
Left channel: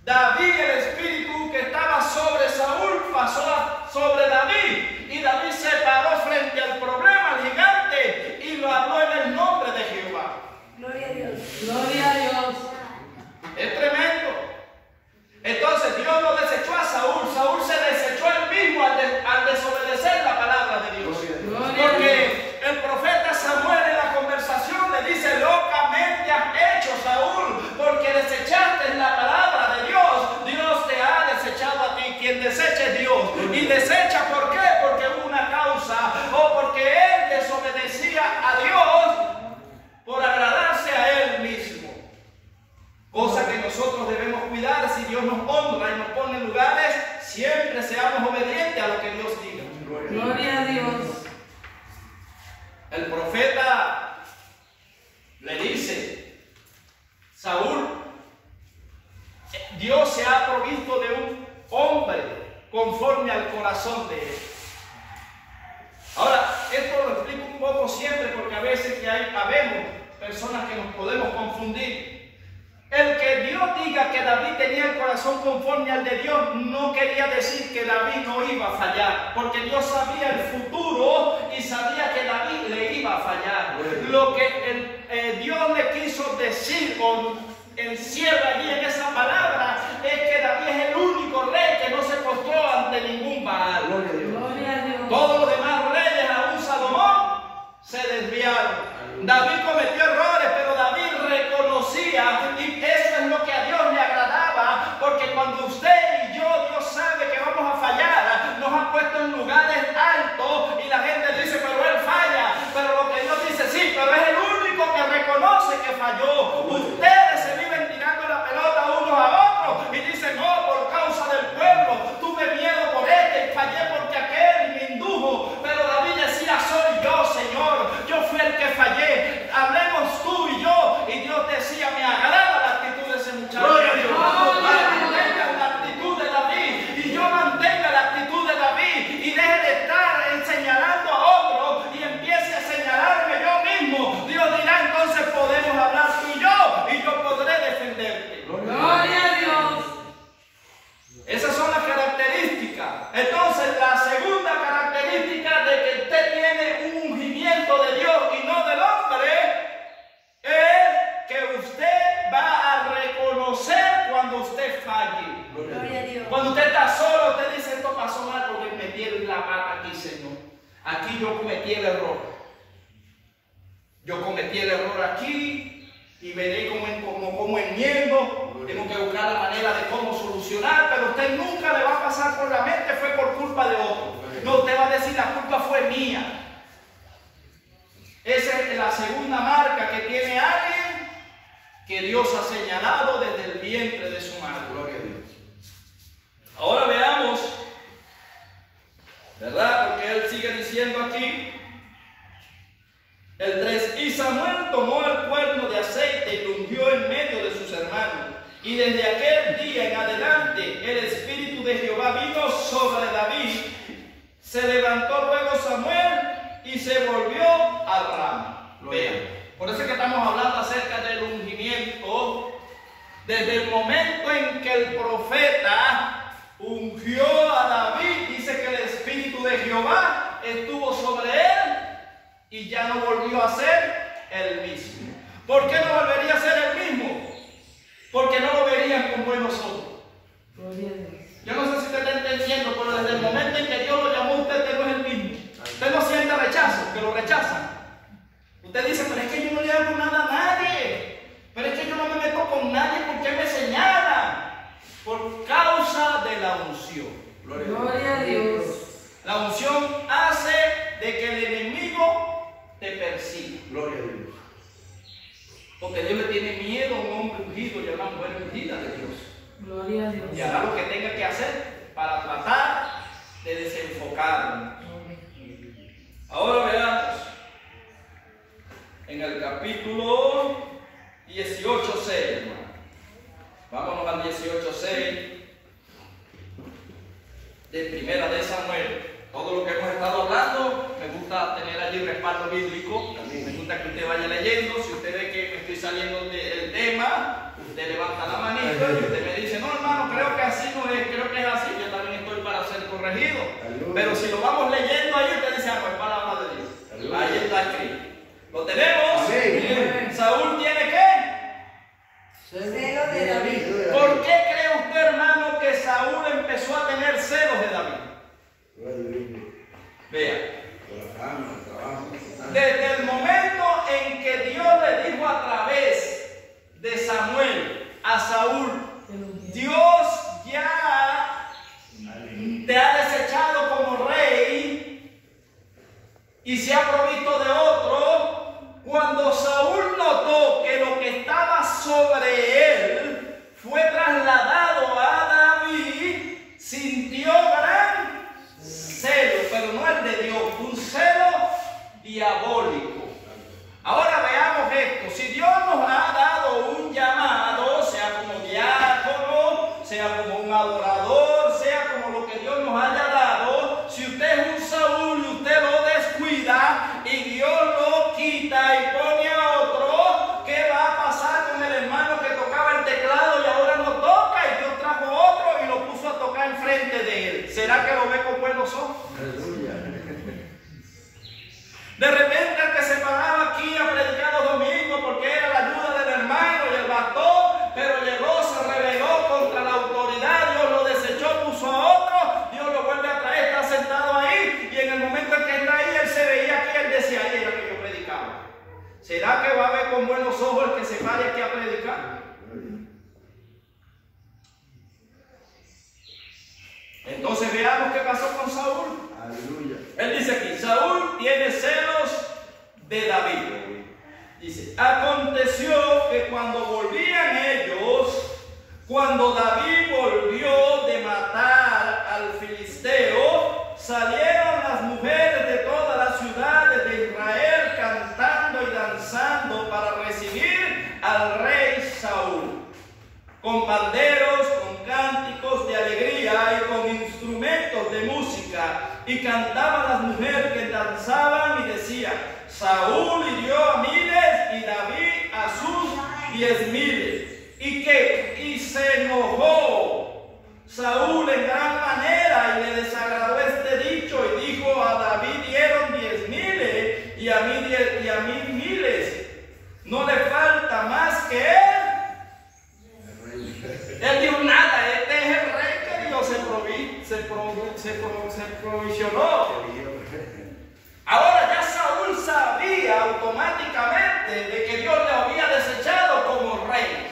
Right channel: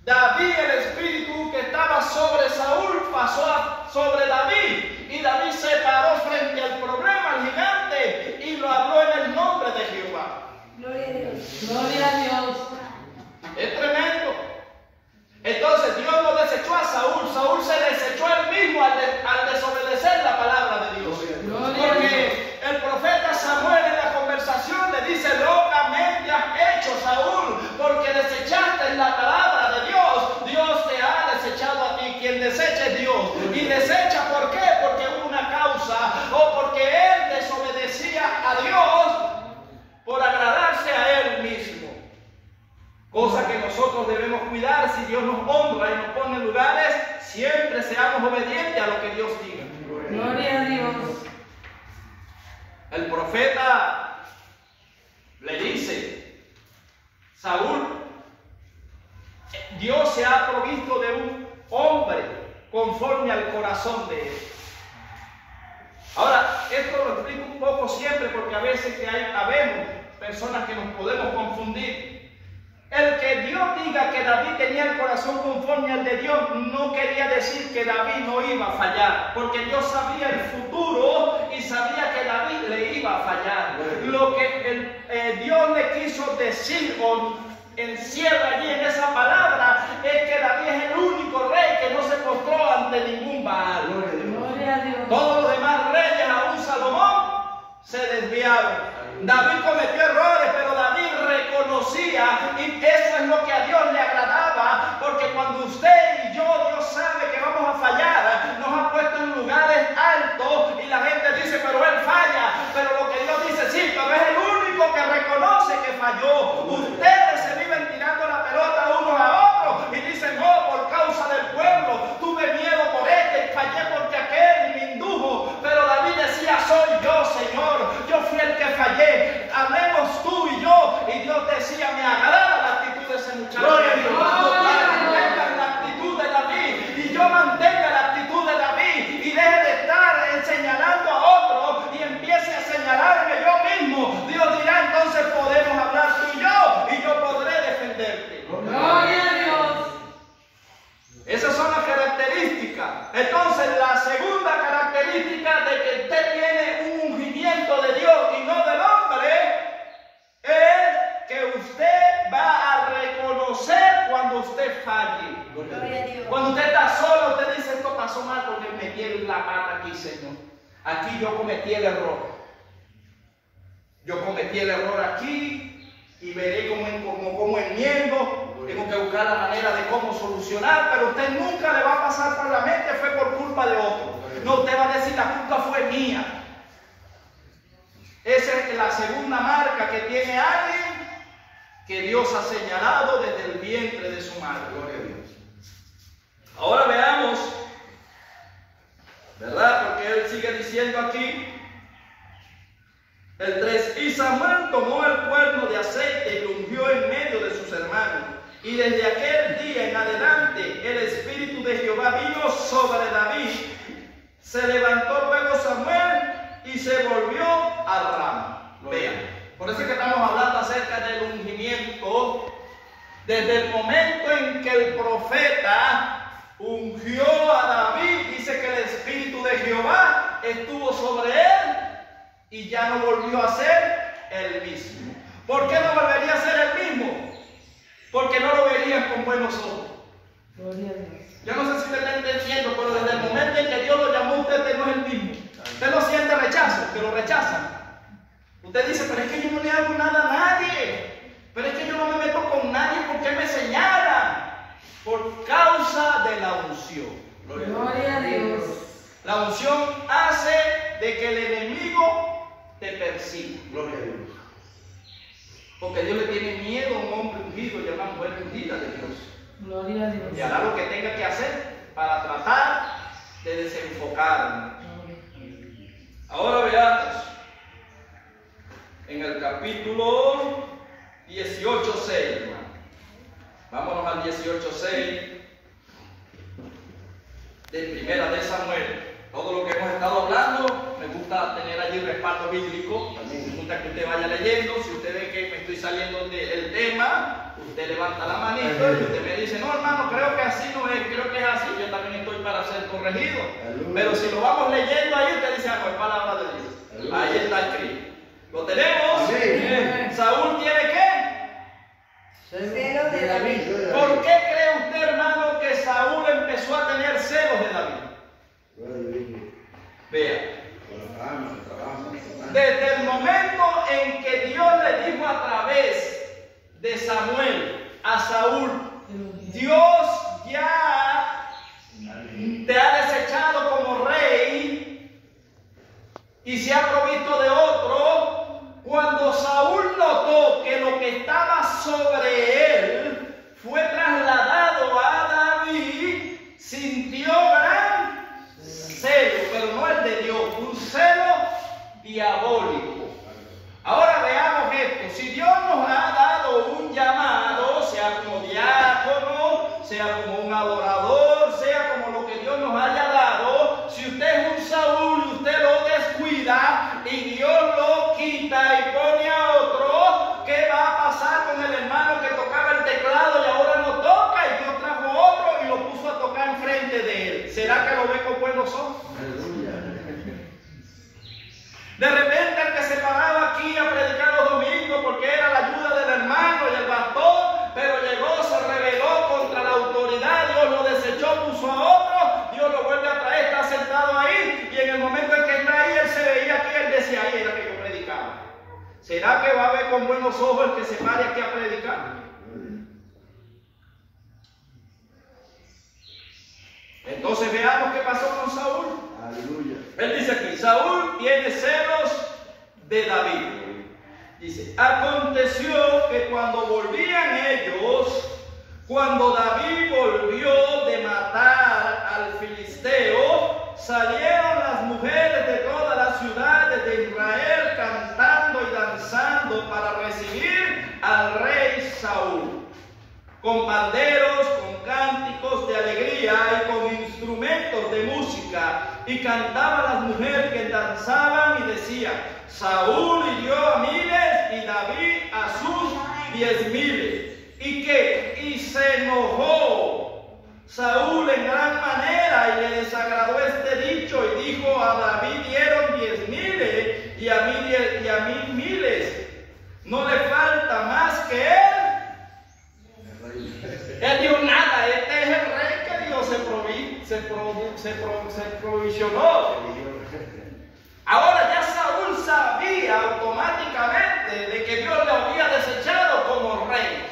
David, el Espíritu que estaba sobre Saúl, pasó sobre David, y David se paró frente al problema, al gigante, y lo habló en el nombre de Jehová. Gloria a Dios. Gloria a Dios. Es tremendo. Entonces Dios lo desechó a Saúl. Saúl se desechó él mismo al desobedecer la palabra de Dios. Gloria a Dios. Porque el profeta Samuel en la conversación le dice, locamente has hecho, Saúl, porque desechaste la palabra de Dios. Dios te ha desechado a ti. Quien desecha es Dios. Y desecha, ¿por qué? Porque hubo una causa, o porque él desobedecía a Dios por agradarse a él mismo. Cosa que nosotros debemos cuidar. Si Dios nos honra y nos pone en lugares, siempre seamos obedientes a lo que Dios diga. Gloria a Dios. El profeta le dice, Saúl, Dios se ha provisto de un hombre conforme al corazón de él. Ahora, esto lo explico un poco siempre, porque a veces que habemos personas que nos podemos confundir. El que Dios diga que David tenía el corazón conforme al de Dios no quería decir que David no iba a fallar, porque Dios sabía el futuro y sabía que David le iba a fallar. Lo que Dios le quiso decir o encierra allí en esa palabra es que David es el único rey que no se postró ante ningún Baal. Gloria a Dios. Todos los demás reyes, aún Salomón, se desviaron. David cometió errores, pero David reconocía, y eso es lo que a Dios le agradaba, porque cuando usted y yo, Dios sabe que vamos a fallar, nos ha puesto en lugares altos y la gente dice, pero él falla, pero lo que Dios dice, sí, pero es el único que reconoce que falló. Ustedes se viven tirando la pelota unos a otros y dicen, no, por causa del pueblo, tuve miedo por este y fallé porque aquel y me indujo, pero David decía, soy yo, Señor, yo fui el que fallé. Hablemos tú y yo. Y Dios decía, me agrada la actitud de ese muchacho. Gloria a Dios. Mantenga la actitud de David, y yo mantenga la actitud de David, y deje de estar señalando a otro y empiece a señalarme yo mismo. Dios dirá, entonces podemos hablar tú y yo podré defenderte. Gloria a Dios. Esas son las características. Entonces, la segunda característica de que usted tiene un ungimiento de Dios y no del hombre es que usted va a reconocer cuando usted falle. Gloria a Dios. Cuando usted está solo, usted dice, esto pasó mal porque me metí la pata aquí, Señor. Aquí yo cometí el error. Yo cometí el error aquí y veré cómo enmiendo. Tengo que buscar la manera de cómo solucionar, pero usted nunca le va a pasar por la mente, fue por culpa de otro. No, usted va a decir, la culpa fue mía. Esa es la segunda marca que tiene alguien que Dios ha señalado desde el vientre de su madre. Gloria a Dios. Ahora veamos, ¿verdad? Porque él sigue diciendo aquí, el 3, y Samuel tomó el cuerno de aceite y lo ungió en medio de sus hermanos. Y desde aquel día en adelante el Espíritu de Jehová vino sobre David, Se levantó luego Samuel y se volvió a Rama. Vean, por eso es que estamos hablando acerca del ungimiento. Desde el momento en que el profeta ungió a David, dice que el Espíritu de Jehová estuvo sobre él y ya no volvió a ser el mismo. ¿Por qué no volvería a ser el mismo? Porque no lo verían con buenos ojos. Gloria a Dios. Yo no sé si usted está entendiendo, pero desde el momento en que Dios lo llamó, usted no es el mismo. Usted no siente rechazo, que lo rechazan. Usted dice, pero es que yo no le hago nada a nadie. Pero es que yo no me meto con nadie porque me señalan. Por causa de la unción. Gloria a Dios. La unción hace de que el enemigo te persiga. Gloria a Dios. Porque Dios le tiene miedo a un hombre ungido y a una mujer ungida de Dios. Gloria a Dios. Y hará lo que tenga que hacer para tratar de desenfocarlo. Ahora veamos en el capítulo 18:6. Vámonos al 18:6 de Primera de Samuel. Todo lo que hemos estado hablando, me gusta tener allí respaldo bíblico. Me gusta que usted vaya leyendo. Si usted ve que me estoy saliendo del tema, usted levanta la manito y usted me dice, no hermano, creo que así no es, creo que es así. Yo también estoy para ser corregido. Pero si lo vamos leyendo ahí, usted dice, ah, pues palabra de Dios. Ahí está escrito. ¿Lo tenemos? Amén. ¿Saúl tiene qué? Celo de David. ¿Por qué cree usted, hermano, que Saúl empezó a tener celos de David? Vea. Desde el momento en que Dios le dijo a través de Samuel a Saúl, Dios ya te ha desechado como rey y se ha provisto de otro. Cuando Saúl notó que lo que estaba sobre él fue trasladado a David, sintió gran celo, pero no el de Dios, un celo diabólico. Ahora veamos esto. Si Dios nos ha dado un llamado, sea como diácono, sea como un adorador, sea como lo que Dios nos haya dado, si usted es un Saúl y usted lo descuida y Dios lo quita y pone a otro, ¿qué va a pasar con el hermano que tocaba el teclado y ahora no toca y Dios trajo otro y lo puso a tocar enfrente de él? ¿Será que lo ve con buenos ojos? De repente el que se paraba aquí a predicar los domingos porque era la ayuda del hermano y el pastor, pero llegó, se rebeló contra la autoridad, Dios lo desechó, puso a otro, Dios lo vuelve a traer, está sentado ahí y en el momento en que está ahí, él se veía aquí, él decía, ahí era que yo predicaba. ¿Será que va a ver con buenos ojos el que se pare aquí a predicar? Entonces veamos qué pasó con Saúl. Aleluya. Él dice aquí, Saúl tiene celos de David. Dice, aconteció que cuando volvían ellos, cuando David volvió de matar al filisteo, salieron las mujeres de todas las ciudades de Israel cantando y danzando para recibir al rey Saúl, con panderos, con cánticos de alegría y con instrumentos de música, y cantaban las mujeres que danzaban y decían, Saúl hirió a miles y David a sus 10,000. ¿Y qué? Y se enojó Saúl en gran manera y le desagradó este dicho y dijo, a David dieron 10,000 y a mí miles. ¿No le falta más que él? Él dijo, nada, este es el rey que Dios se provisionó. Ahora ya Saúl sabía automáticamente de que Dios le había desechado como rey.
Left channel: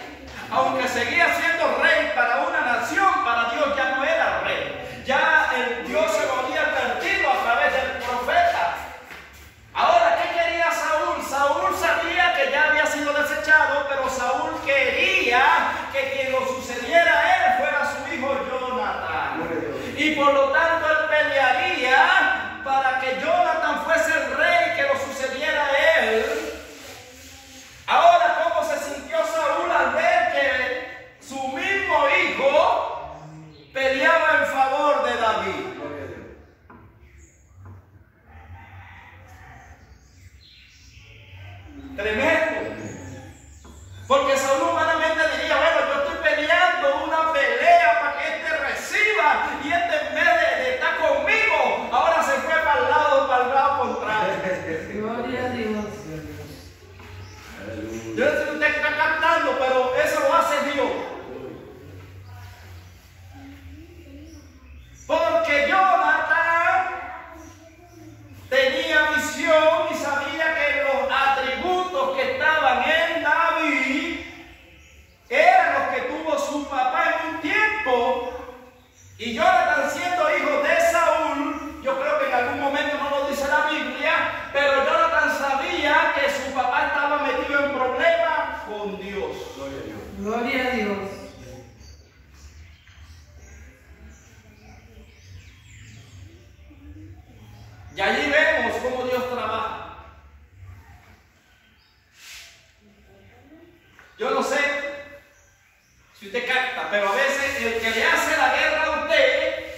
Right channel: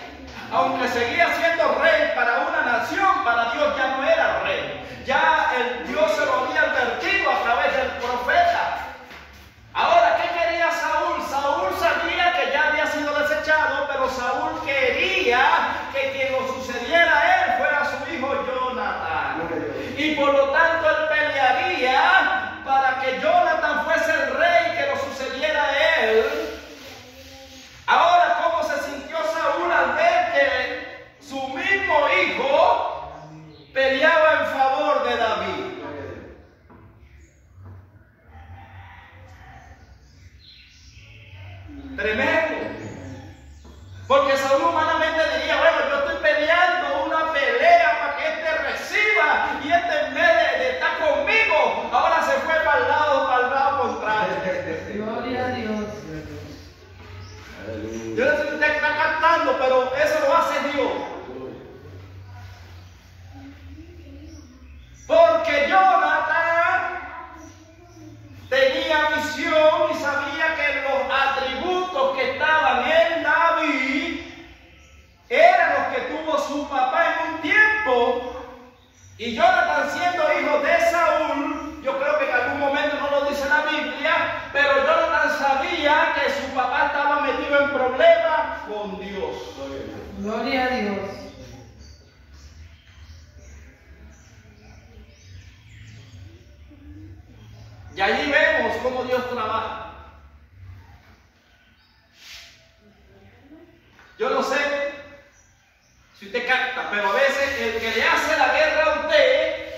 Aunque seguía siendo rey para una nación, para Dios ya no era rey. Ya el Dios se lo había advertido a través del profeta. Ahora, ¿qué quería Saúl? Saúl sabía que ya había sido desechado, pero Saúl quería que quien lo sucediera a él fuera su hijo Jonatán. Y por lo tanto él pelearía para que Jonatán fuese el rey que lo sucediera a él. Ahora, ¿cómo se sintió Saúl al ver que su mismo hijo peleaba en favor de David? siendo hijos de Saúl. Yo creo que en algún momento no lo dice la Biblia, pero Jonathan sabía que su papá estaba metido en problemas con Dios. Gloria a Dios. Y allí vemos cómo Dios trabaja. Yo no sé si usted capta, pero a veces el que le hace la guerra a usted,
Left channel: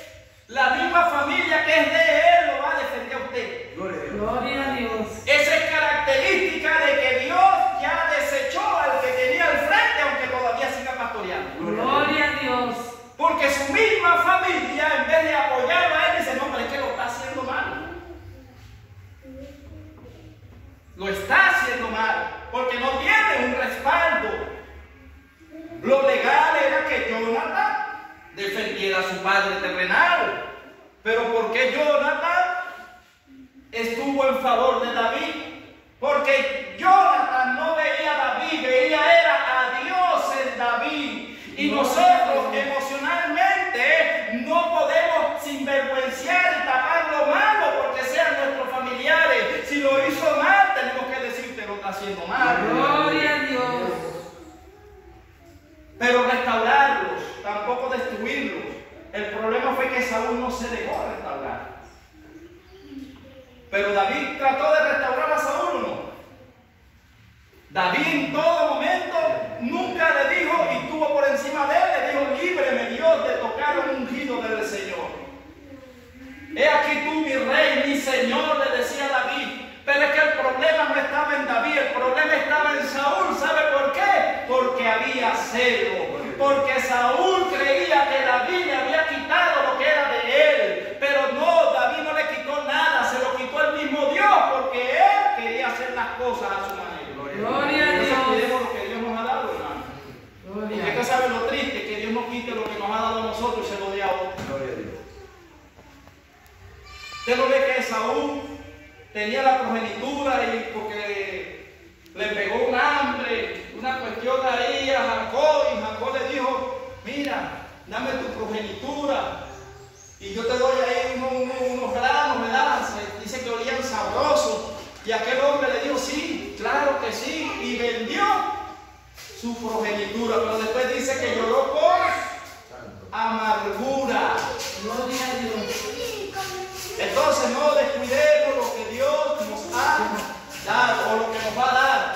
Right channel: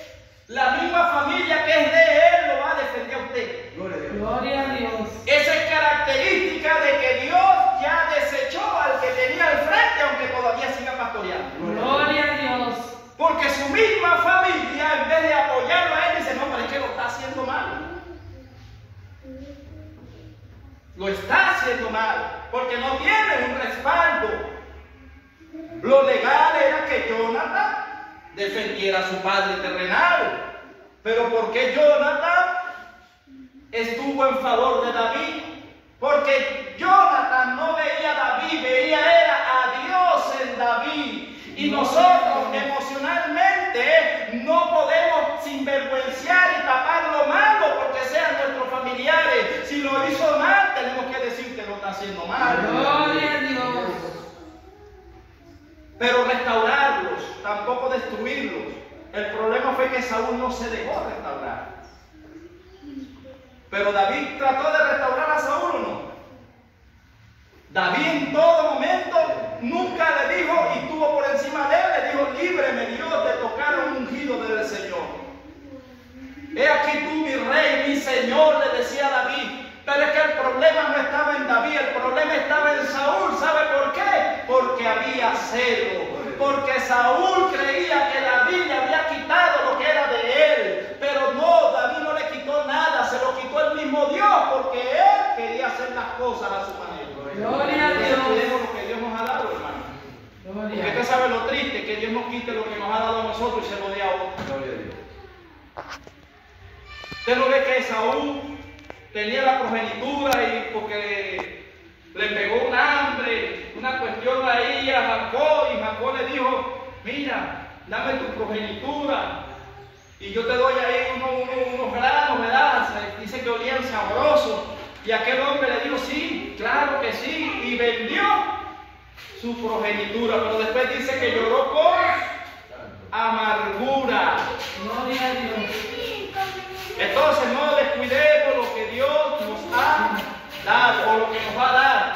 la misma familia que es de él lo va a defender a usted. Gloria a Dios. Esa es característica de que Dios ya desechó al que tenía al frente, aunque todavía siga pastoreando. Gloria a Dios. Porque su misma familia, en vez de apoyarlo a él, dice, no, pero es que lo está haciendo mal. Lo está haciendo mal, porque no tiene un respaldo. Lo legal era que Jonathan defendiera a su padre terrenal. Pero ¿por qué Jonathan estuvo en favor de David? Porque Jonathan no veía a David, veía era a Dios en David. Y nosotros emocionalmente no podemos sinvergüenciar y tapar lo malo porque sean nuestros familiares. Si lo hizo mal, tenemos que decir que lo está haciendo mal. Gloria a Dios. Pero restaurarlos, tampoco destruirlos. El problema fue que Saúl no se dejó restaurar. Pero David trató de restaurar a Saúl, ¿o no? David en todo momento nunca le dijo, y estuvo por encima de él, le dijo, líbreme Dios de tocar un ungido del Señor. He aquí tú, mi rey, mi señor, le decía a David. Pero es que el problema no estaba en David, el problema estaba en Saúl. ¿Sabe por qué? Porque había celo. Porque Saúl creía que David le había quitado lo que era de él. Pero no, David no le quitó nada, se lo quitó el mismo Dios, porque él quería hacer las cosas a su manera. Gloria a Por eso Dios. cuidemos lo que Dios nos ha dado, hermano. Porque usted sabe lo triste, que Dios nos quite lo que nos ha dado a nosotros y se lo dé a otro. Usted no ve que Saúl tenía la progenitura y porque le pegó un hambre, una cuestión ahí a Jacob, y Jacob le dijo, mira, dame tu progenitura y yo te doy ahí unos granos, ¿verdad? Dice que olían sabrosos. Y aquel hombre le dijo, sí, claro que sí, y vendió su progenitura, pero después dice que lloró con amargura. Gloria a Dios. Entonces no descuidemos lo que Dios nos ha dado o lo que nos va a dar.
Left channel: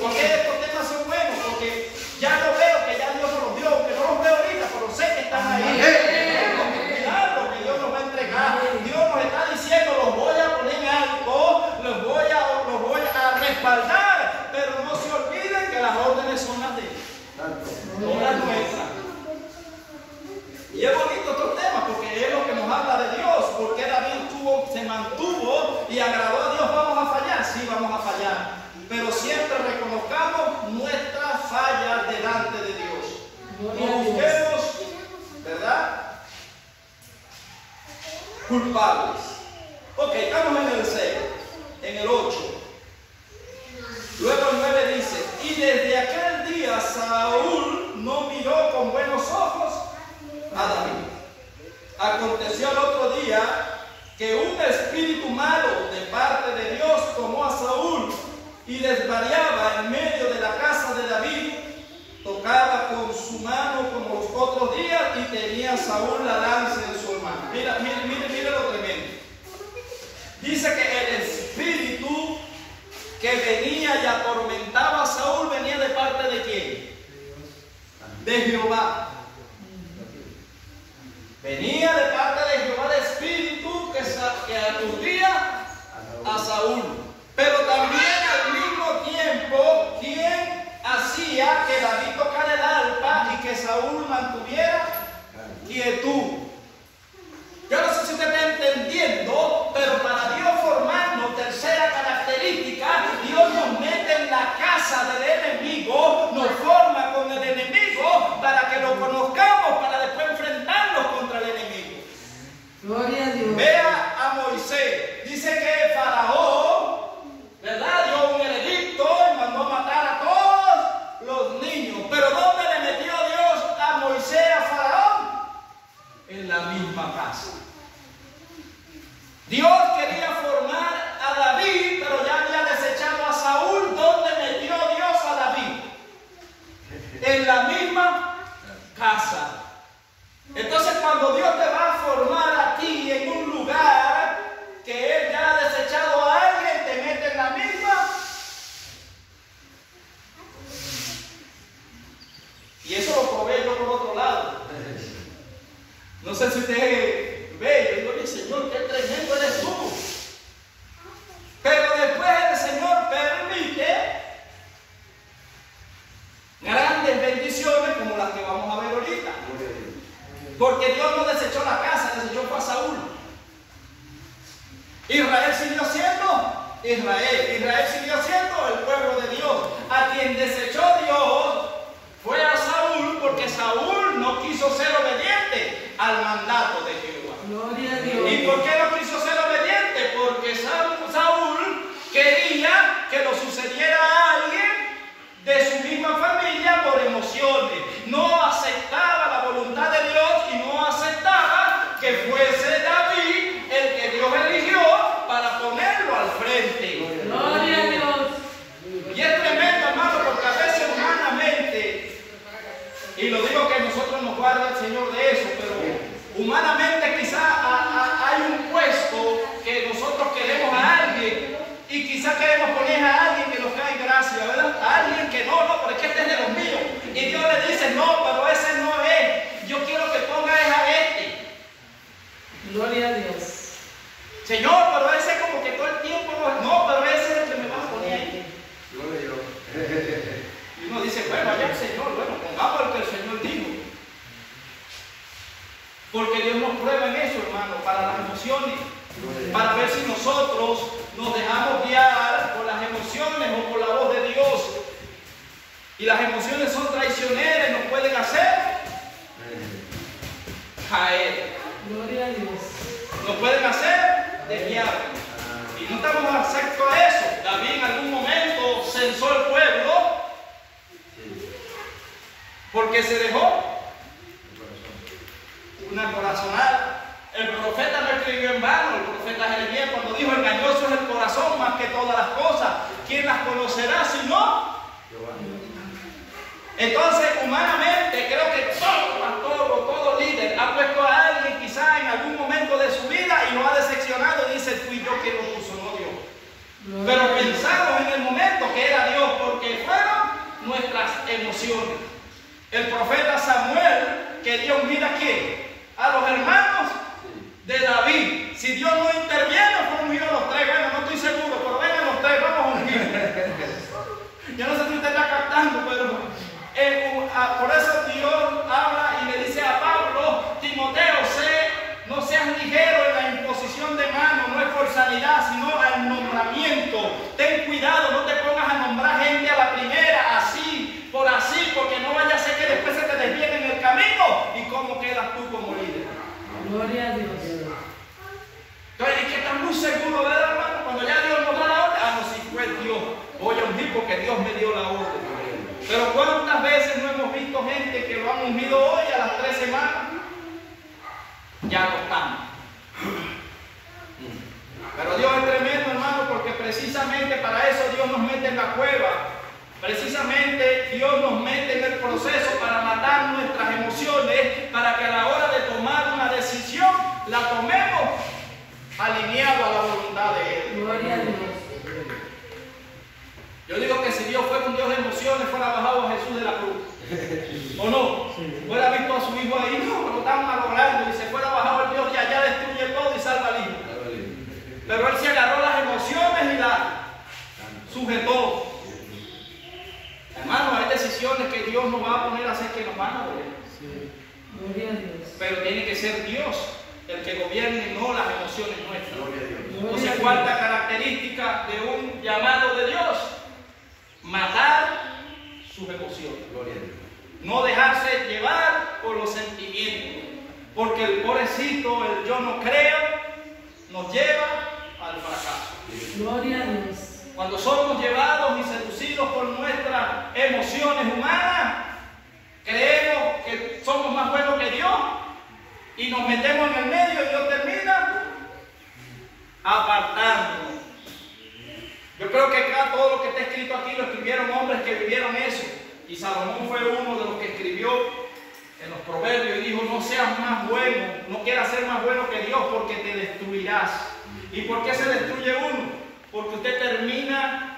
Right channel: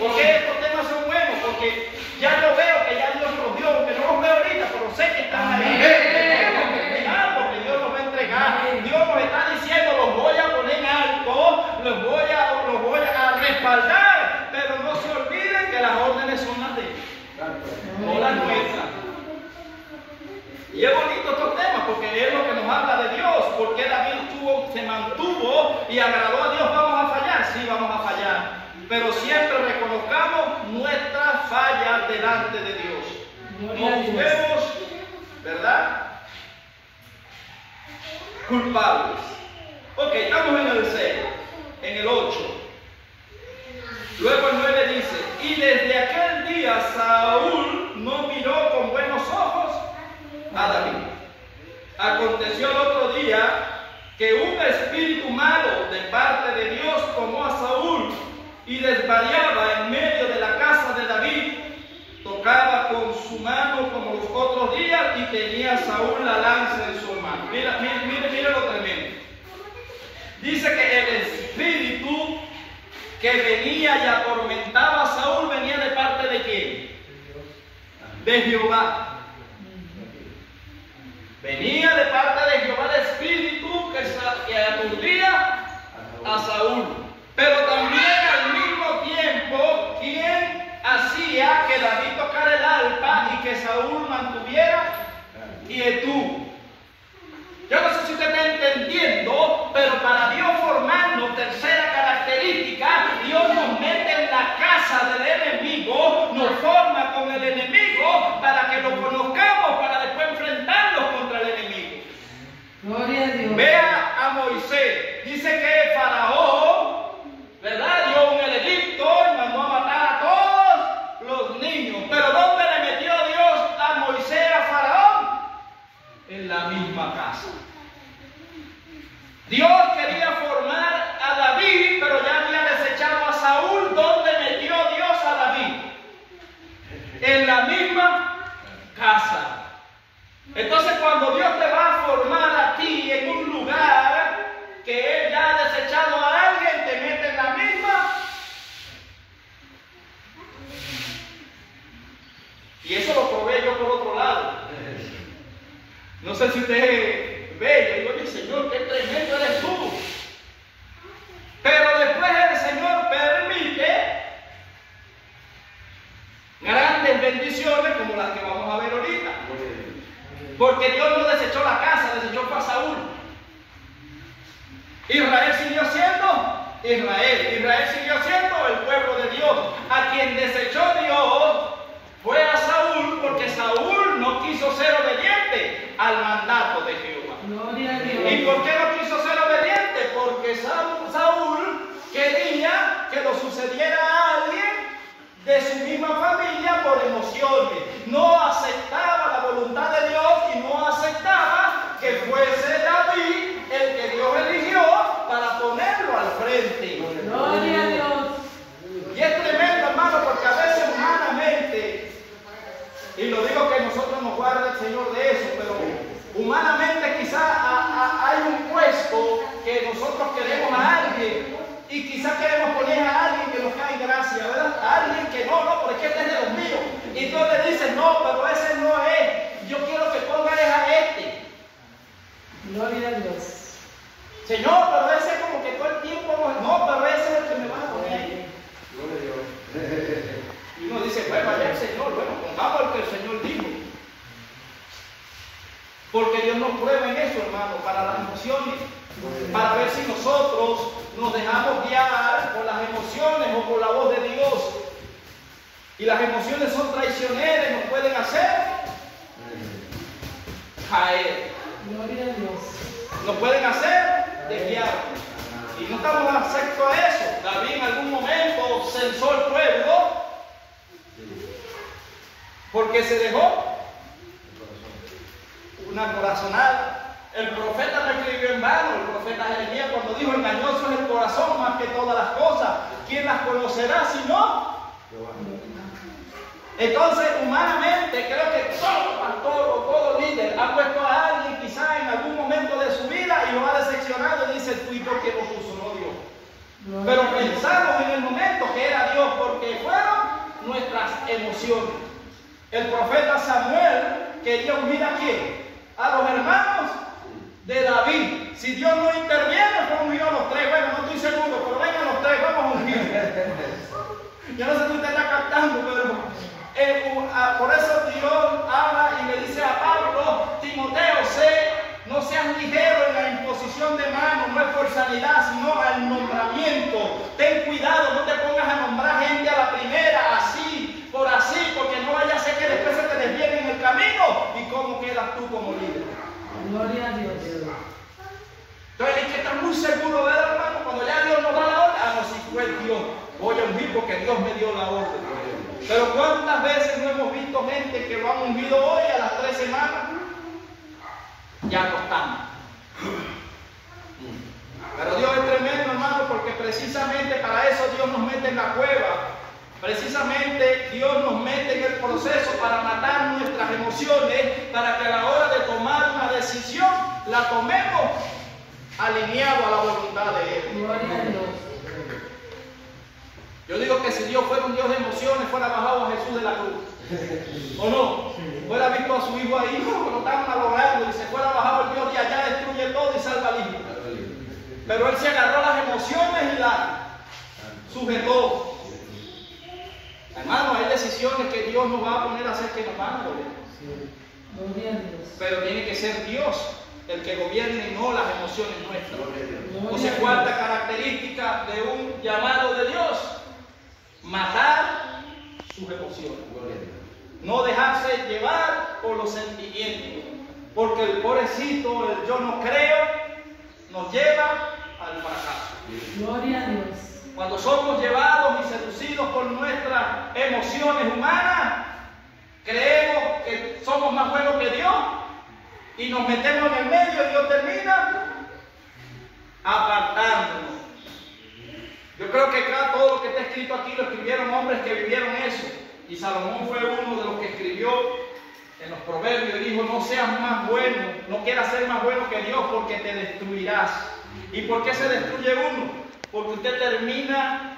Porque estos temas son buenos, porque ya yo veo que ya Dios nos dio, aunque no los veo ahorita, pero sé que están ahí. Tenemos que cuidar porque Dios nos va a entregar. Dios nos está diciendo, los voy a poner en alto, los voy a respaldar, pero no se olviden que las órdenes son las de Él, no las nuestras. Y es bonito estos temas porque es lo que nos habla de Dios, porque David se mantuvo y agradó a Dios. ¿Vamos a fallar? Sí, vamos a fallar, pero siempre reconozcamos nuestras fallas delante de Dios. No busquemos, ¿verdad?, culpables. Ok, estamos en el 6, en el 8. Luego el 9 dice, y desde aquel día Saúl no miró con buenos ojos a David. Aconteció el otro día que un espíritu malo de parte de Dios tomó a Saúl y desvariaba en medio de la casa de David. Tocaba con su mano como los otros días y tenía Saúl la lanza en su mano. Mira lo tremendo. Dice que el espíritu que venía y atormentaba a Saúl venía de parte de ¿quién? De Jehová. Venía de parte de Jehová el espíritu que aturdía a Saúl. Pero también al mismo tiempo, ¿quién hacía que David tocara el arpa y que Saúl mantuviera quietud? Yo no sé si usted está entendiendo, pero para Dios formarnos, tercera característica, Dios nos mete en la casa del enemigo, nos forma con el enemigo para que lo conozcamos, para después enfrentarnos contra el enemigo. Gloria a Dios. Vea a Moisés, dice que Faraón, ¿verdad?, dio un edicto y mandó a matar a todos los niños. Pero ¿dónde le metió Dios a Moisés, a Faraón? la misma casa. Dios quería formar a David, pero ya había desechado a Saúl. ¿Dónde metió Dios a David? En la misma casa. Entonces, cuando Dios te va a formar a ti en un lugar que Él ya ha desechado a alguien, te mete en la misma. Y eso lo probé yo por otro lado. No sé si usted ve, yo digo, oye Señor, qué tremendo eres tú. Pero después el Señor permite grandes bendiciones como las que vamos a ver ahorita. Porque Dios no desechó la casa, desechó a Saúl. Israel siguió siendo Israel. Israel siguió siendo el pueblo de Dios. A quien desechó Dios fue a Saúl, porque Saúl no quiso ser obediente al mandato de Jehová. Gloria a Dios. ¿Y por qué no quiso ser obediente? Porque Saúl quería que lo sucediera a alguien de su misma familia por emociones. No aceptaba la voluntad de Dios y no aceptaba que fuese David el que Dios eligió para ponerlo al frente. Gloria a Dios. Y es tremendo, hermano, porque a veces humanamente, y lo digo que nosotros nos guarda el Señor de eso, pero humanamente quizá hay un puesto que nosotros queremos a alguien y quizá queremos poner a alguien que nos cae en gracia, ¿verdad? A alguien que no, pero es que este es de los míos. Y Dios le dice, no, pero ese no es. Yo quiero que pongas a este. Gloria a Dios. Señor, pero ese como que todo el tiempo no, pero ese es el que me vas a poner ahí. Y uno dice, bueno, allá el Señor, bueno, pongamos el que el Señor dijo. Porque Dios nos prueba en eso, hermano, para las emociones, para ver si nosotros nos dejamos guiar por las emociones o por la voz de Dios. Y las emociones son traicioneras, nos pueden hacer caer. Gloria a Dios. Nos pueden hacer desviar. Y no estamos aceptos a eso. David en algún momento censó el pueblo porque se dejó una corazonada. El profeta no escribió en vano. El profeta Jeremías, cuando dijo, engañoso es el corazón más que todas las cosas, ¿quién las conocerá si no? Entonces, humanamente, creo que todo pastor o todo líder ha puesto a alguien quizá en algún momento de su vida y lo ha decepcionado y dice, fui yo que lo puso, no Dios. Pero pensamos en el momento que era Dios, porque fueron nuestras emociones. El profeta Samuel quería ungir a quién? A los hermanos de David. Si Dios no interviene, fue ungir a los tres. Bueno, no estoy seguro, pero vengan los tres, vamos a ungir. Yo no sé si usted está captando, pero por eso Dios habla y le dice a Pablo, Timoteo, no seas ligero en la imposición de manos, no es por sanidad, sino al nombramiento. Ten cuidado, no te pongas a nombrar gente a la primera, así, porque no vaya a ser que después se te desvíen en el camino y cómo quedas tú como líder. Gloria a Dios. Entonces hay que estar muy seguro, ¿verdad, hermano? Cuando ya Dios nos da la orden, no, si fue Dios, voy a ungir porque Dios me dio la orden. Pero ¿cuántas veces no hemos visto gente que lo han ungido hoy a las 3 semanas? Ya no están. Pero Dios es tremendo, hermano, porque precisamente para eso Dios nos mete en la cueva. Precisamente Dios nos mete en el proceso para matar nuestras emociones, para que a la hora de tomar una decisión, la tomemos alineado a la voluntad de Él. Gloria a Dios. Yo digo que si Dios fuera un Dios de emociones, fuera bajado a Jesús de la cruz. ¿O no? Fuera visto a su hijo ahí, no, lo están malogrando, y se fuera bajado el Dios de allá, destruye todo y salva al hijo. Pero Él se agarró las emociones y las sujetó. Hermano, hay decisiones que Dios nos va a poner a hacer que nos van a doler. Gloria a Dios. Pero tiene que ser Dios el que gobierne, no las emociones nuestras. Entonces, Dios. cuarta característica de un llamado de Dios: matar sus emociones. No dejarse llevar por los sentimientos. Porque el pobrecito, el yo no creo, nos lleva al fracaso. Gloria a Dios. Cuando somos llevados y seducidos por nuestras emociones humanas, creemos que somos más buenos que Dios y nos metemos en el medio y Dios termina apartándonos. Yo creo que acá todo lo que está escrito aquí lo escribieron hombres que vivieron eso. Y Salomón fue uno de los que escribió en los proverbios y dijo: no seas más bueno, no quieras ser más bueno que Dios, porque te destruirás. ¿Y por qué se destruye uno? Porque usted termina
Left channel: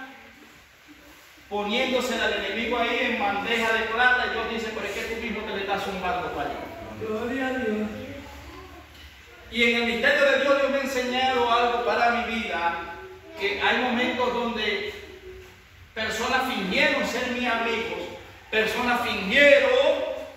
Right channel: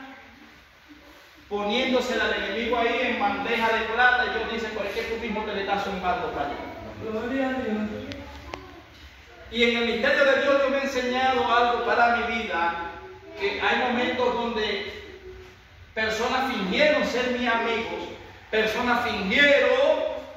poniéndose al enemigo ahí en bandeja de plata y Dios dice: pero es que tú mismo te le estás zumbando para allá. Gloria a Dios. Y en el misterio de Dios me ha enseñado algo para mi vida, que hay momentos donde personas fingieron ser mis amigos, personas fingieron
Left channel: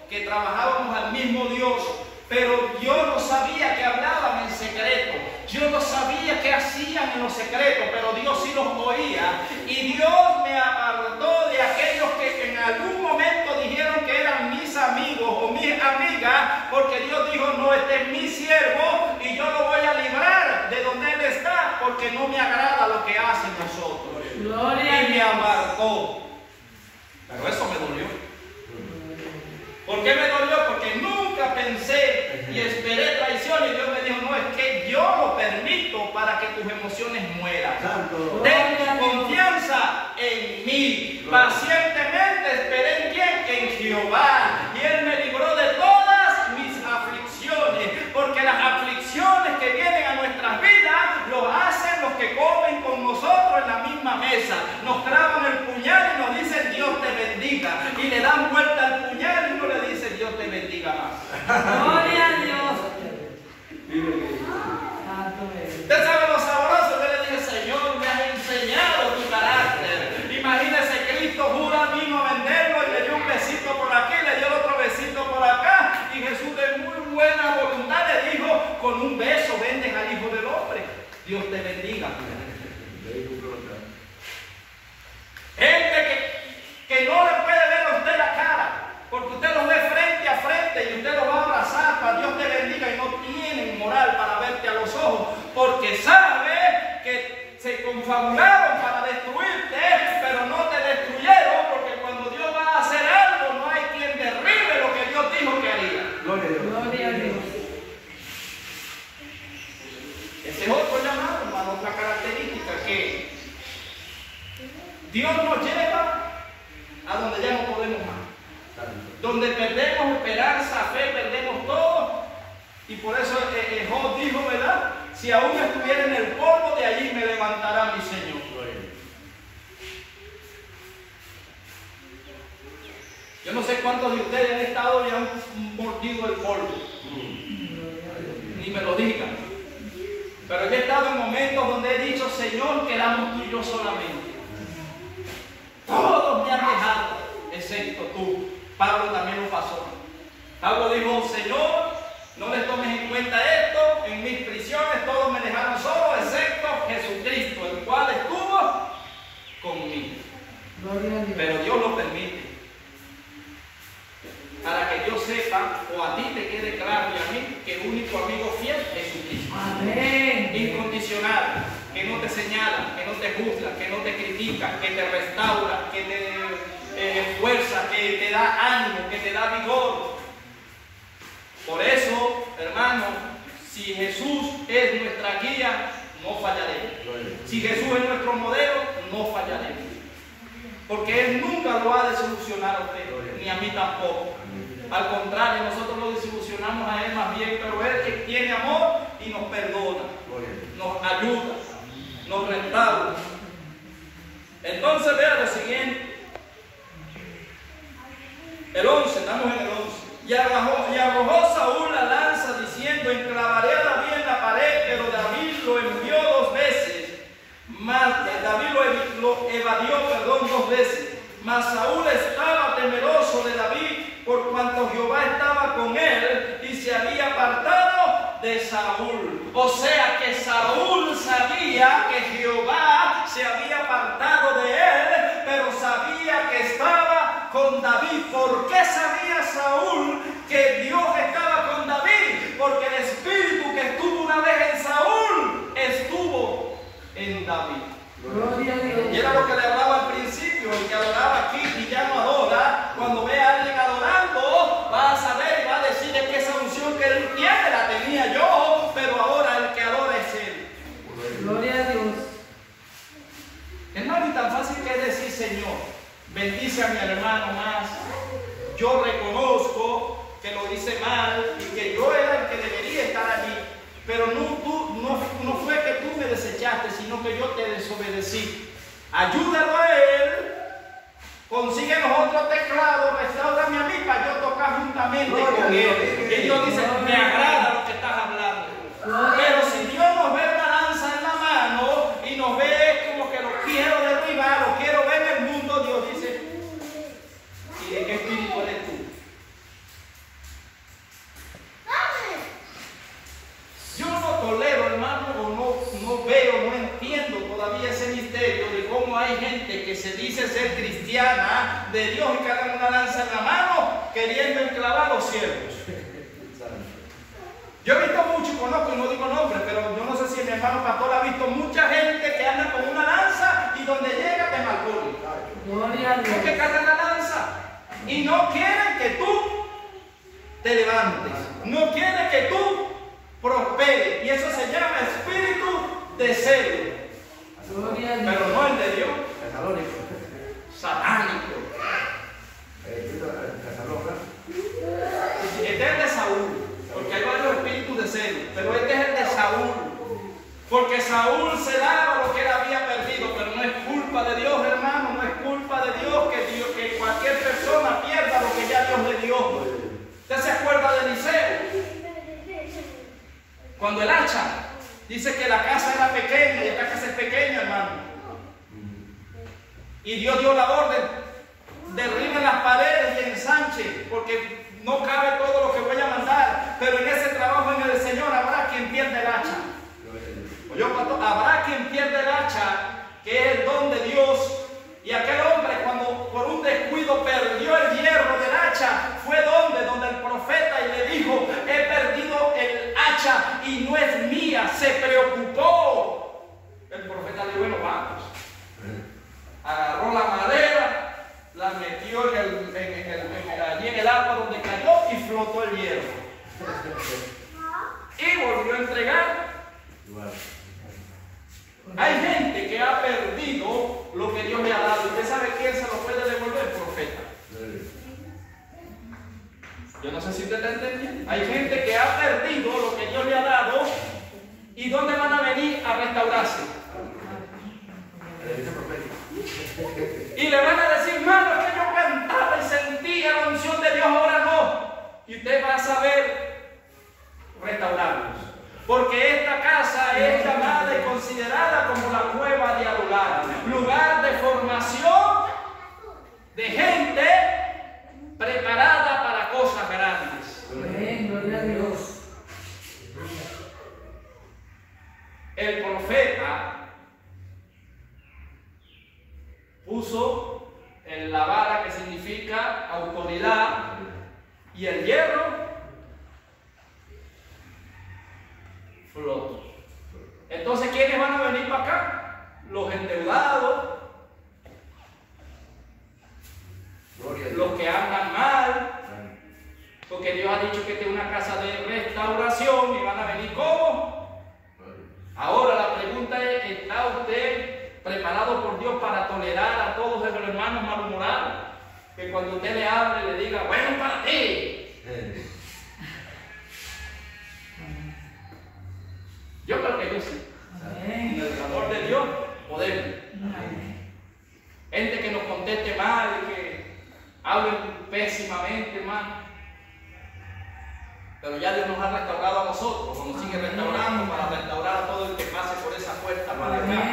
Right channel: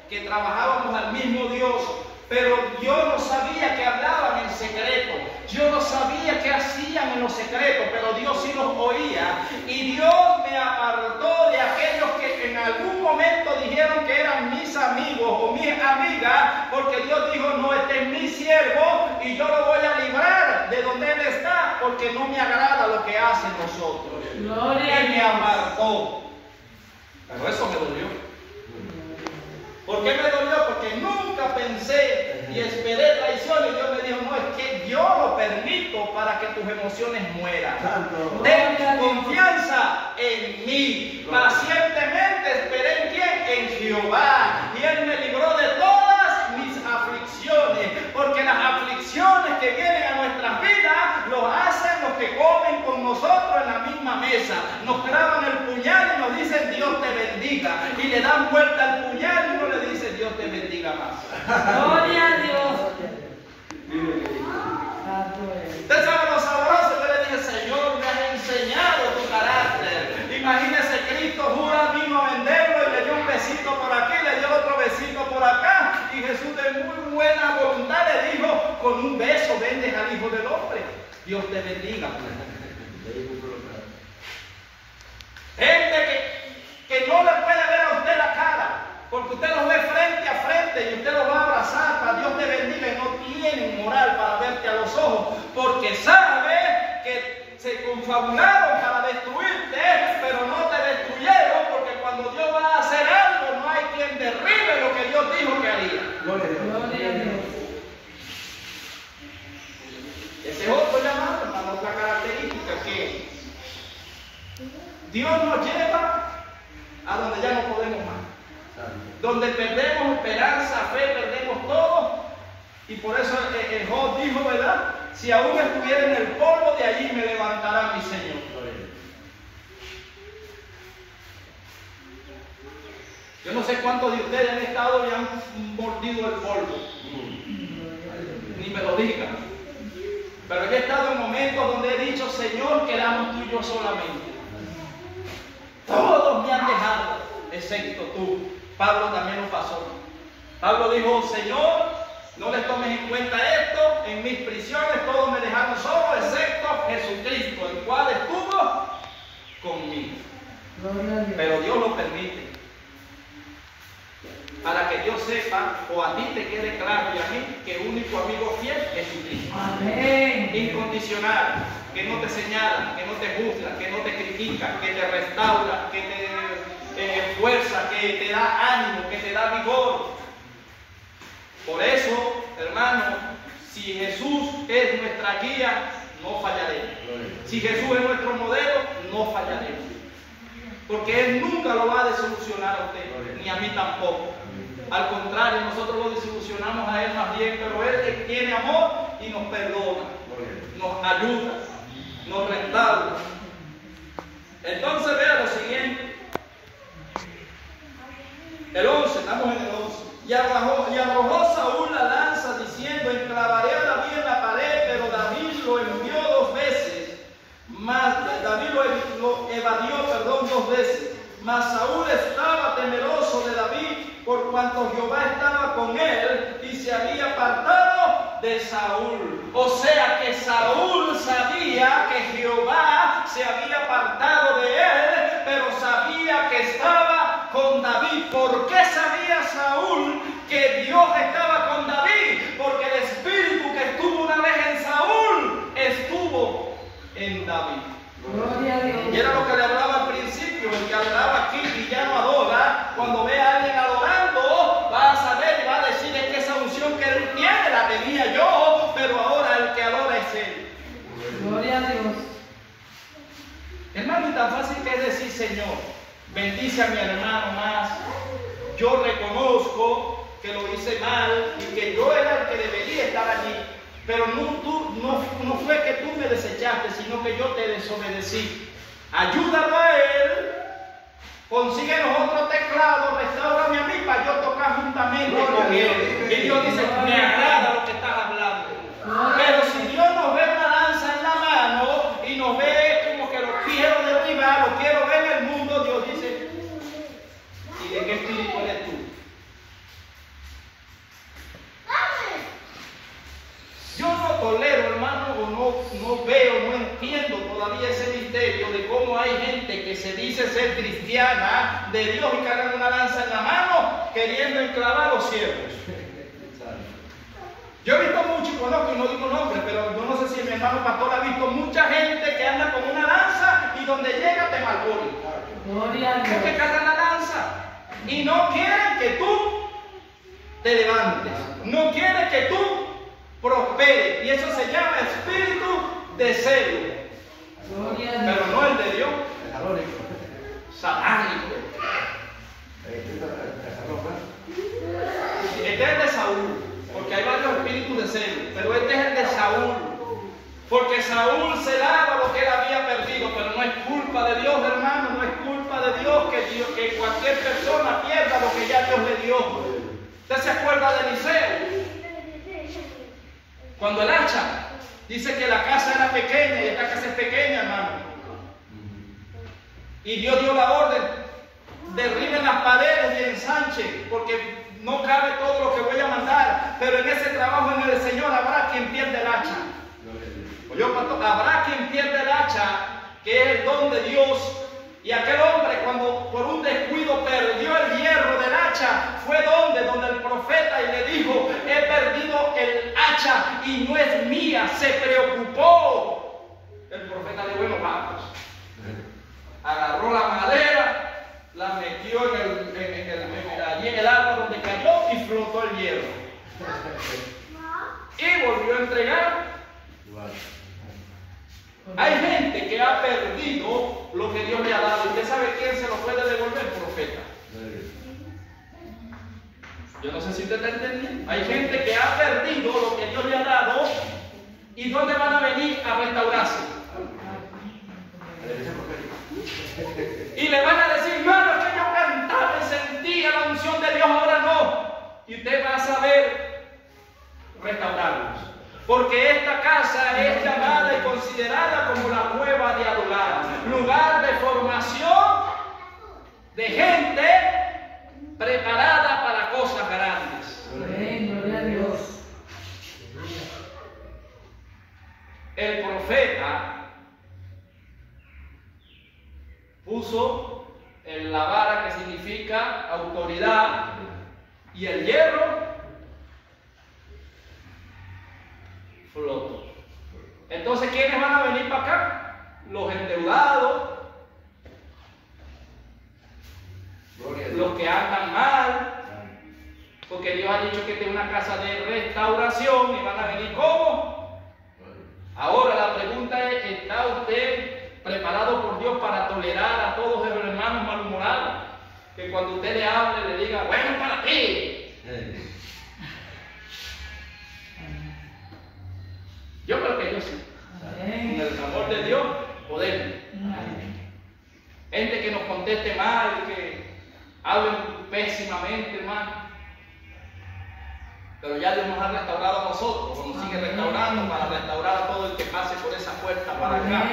que trabajábamos al mismo Dios, pero yo no sabía que hablaban en secreto, yo no sabía qué hacían en los secretos, pero Dios sí los oía, y Dios me apartó de aquellos que en algún momento dijeron que eran mis amigos o mis amigas, porque Dios dijo: no, este es mi siervo y yo lo voy a librar de donde él está, porque no me agrada lo que hacen nosotros. Gloria a Y me Dios. apartó. Pero eso me dolió. ¿Por qué me dolió? Porque nunca pensé y esperé traición, y Dios me dijo: no, es que yo lo permito para que tus emociones mueran. Ten confianza en mí. Pacientemente esperé en quién, en Jehová, y Él me libró de todas mis aflicciones, porque las aflicciones que vienen a nuestras vidas los hacen los que comen con nosotros en la misma mesa. Nos clavan el puñal y nos dicen: Dios te bendiga, y le dan vuelta al puñal y uno le dice: Dios te bendiga más. Gloria a Dios. Usted sabe lo sabroso. Yo le dije: Señor, me has enseñado tu carácter. Imagínese, Cristo jura, vino a venderlo y le dio un besito por aquí, le dio otro besito por acá, y Jesús de muy buena voluntad le dijo: con un beso vendes al Hijo del Hombre. Dios te bendiga. Gente que no le puede ver a usted la cara, porque usted los ve frente a frente y usted los va a abrazar para Dios te bendiga, y no tienen moral para verte a los ojos, porque sabe que se confabularon para destruirte, pero no te destruyeron, porque cuando Dios va a hacer algo no hay quien derribe lo que Dios dijo que haría. Gloria a Dios. Ese es otro llamado, hermano, otra característica, que Dios nos lleva a donde ya no podemos más, donde perdemos esperanza, fe, perdemos todo. Y por eso Job dijo, ¿verdad? Si aún estuviera en el polvo, de allí me levantará mi Señor. Yo no sé cuántos de ustedes en estado ya han mordido el polvo, ni me lo digan, pero yo he estado en momentos donde he dicho: Señor, quedamos tú y yo solamente. Todos me han dejado, excepto tú. Pablo también lo pasó. Pablo dijo: Señor, no les tomes en cuenta esto, en mis prisiones todos me dejaron solo, excepto Jesucristo, el cual estuvo conmigo. Gloria a Dios. Pero Dios lo permite, para que Dios sepa, o a ti te quede claro y a mí, que el único amigo fiel es Jesucristo. Amén. Incondicional, que no te señala, que no te juzga, que no te critica, que te restaura, que te fuerza, que te da ánimo, que te da vigor. Por eso, hermano, si Jesús es nuestra guía, no fallaremos. Si Jesús es nuestro modelo, no fallaremos. Porque Él nunca lo va a desilusionar a usted, ni a mí tampoco. Al contrario, nosotros lo desilusionamos a Él más bien, pero Él tiene amor y nos perdona, nos ayuda, nos restaura. Entonces vea lo siguiente. El 11, estamos en el 11. Y arrojó Saúl la lanza diciendo: enclavaré a David en la pared, pero David lo envió 2 veces. David lo evadió, 2 veces. Mas Saúl estaba temeroso de David, por cuanto Jehová estaba con él y se había apartado de Saúl. O sea que Saúl sabía que Jehová se había apartado de él, pero sabía que estaba con David. ¿Por qué sabía Saúl que Dios estaba con David? Porque el espíritu que estuvo una vez en Saúl estuvo en David. Gloria a Dios. Y era lo que le hablaba al principio: el que adoraba aquí y ya no adora, cuando ve a alguien adorando, va a saber y va a decir: es que esa unción que él tiene la bendice a mi hermano más. Yo reconozco que lo hice mal y que yo era el que debería estar allí. Pero no fue que tú me desechaste, sino que yo te desobedecí. Ayúdalo a él. Consigue los otros teclados, restaurame a mí para yo tocar juntamente con él. Y Dios dice, me agrada lo que estás hablando. Pero si Dios nos ve una lanza en la mano y nos ve como que lo quiero derribar, lo quiero ver en el mundo, Dios dice, ¿y de qué espíritu eres tú? Yo no tolero, hermano, o no veo, no entiendo todavía ese misterio de cómo hay gente que se dice ser cristiana de Dios y cargan una lanza en la mano queriendo enclavar a los siervos. Yo he visto mucho y conozco, y no digo nombres, pero yo no sé si mi hermano pastor ha visto mucha gente que anda con una lanza y donde llega te malpone. Gloria a Dios. Porque cargan la lanza y no quieren que tú te levantes, no quieren que tú prosperes, y eso se llama espíritu de celo. Gloria a Dios. Pero no el de Dios, satánico. Este es el de Saúl, porque hay varios espíritus de celo, pero este es el de Saúl, porque Saúl celaba lo que él había perdido, pero no es culpa de Dios, hermano, no es culpa de Dios que cualquier persona pierda lo que ya Dios le dio. ¿Usted se acuerda de Eliseo? Cuando el hacha dice que la casa era pequeña y esta casa es pequeña, hermano, y Dios dio la orden, derriben las paredes y ensanchen, porque no cabe todo lo que voy a mandar, pero en ese trabajo en el Señor habrá quien pierda el hacha. Habrá quien pierda el hacha, que es el don de Dios. Y aquel hombre, cuando por un descuido perdió el hierro del hacha, fue donde el profeta y le dijo, he perdido el hacha y no es mía. Se preocupó. El profeta le dijo, bueno, vamos. Agarró la madera, la metió allí en el agua donde cayó y flotó el hierro. Y volvió a entregar. Hay gente que ha perdido lo que Dios le ha dado. ¿Usted sabe quién se lo puede devolver? Profeta. Yo no sé si usted está entendiendo. Hay gente que ha perdido lo que Dios le ha dado. ¿Y dónde van a venir a restaurarse? Y le van a decir, hermano, es que yo cantaba y sentía la unción de Dios, ahora no. Y usted va a saber restaurarlos. Porque esta casa es llamada y considerada como la nueva dialogar, lugar de formación de gente preparada para cosas grandes. Amén, gloria a Dios. El profeta puso en la vara, que significa autoridad, y el hierro flotó. Entonces, ¿quiénes van a venir para acá? Los endeudados, los que andan mal, porque Dios ha dicho que esta es una casa de restauración y van a venir ¿cómo? Ahora la pregunta es, ¿está usted preparado por Dios para tolerar a todos los hermanos malhumorados? Que cuando usted le hable le diga, bueno, para ti. Yo creo que yo sí. Con el amor de Dios podemos. Gente que nos conteste mal, que hablen pésimamente, hermano. Pero ya Dios nos ha restaurado a nosotros, nos sigue restaurando para restaurar a todo el que pase por esa puerta para acá.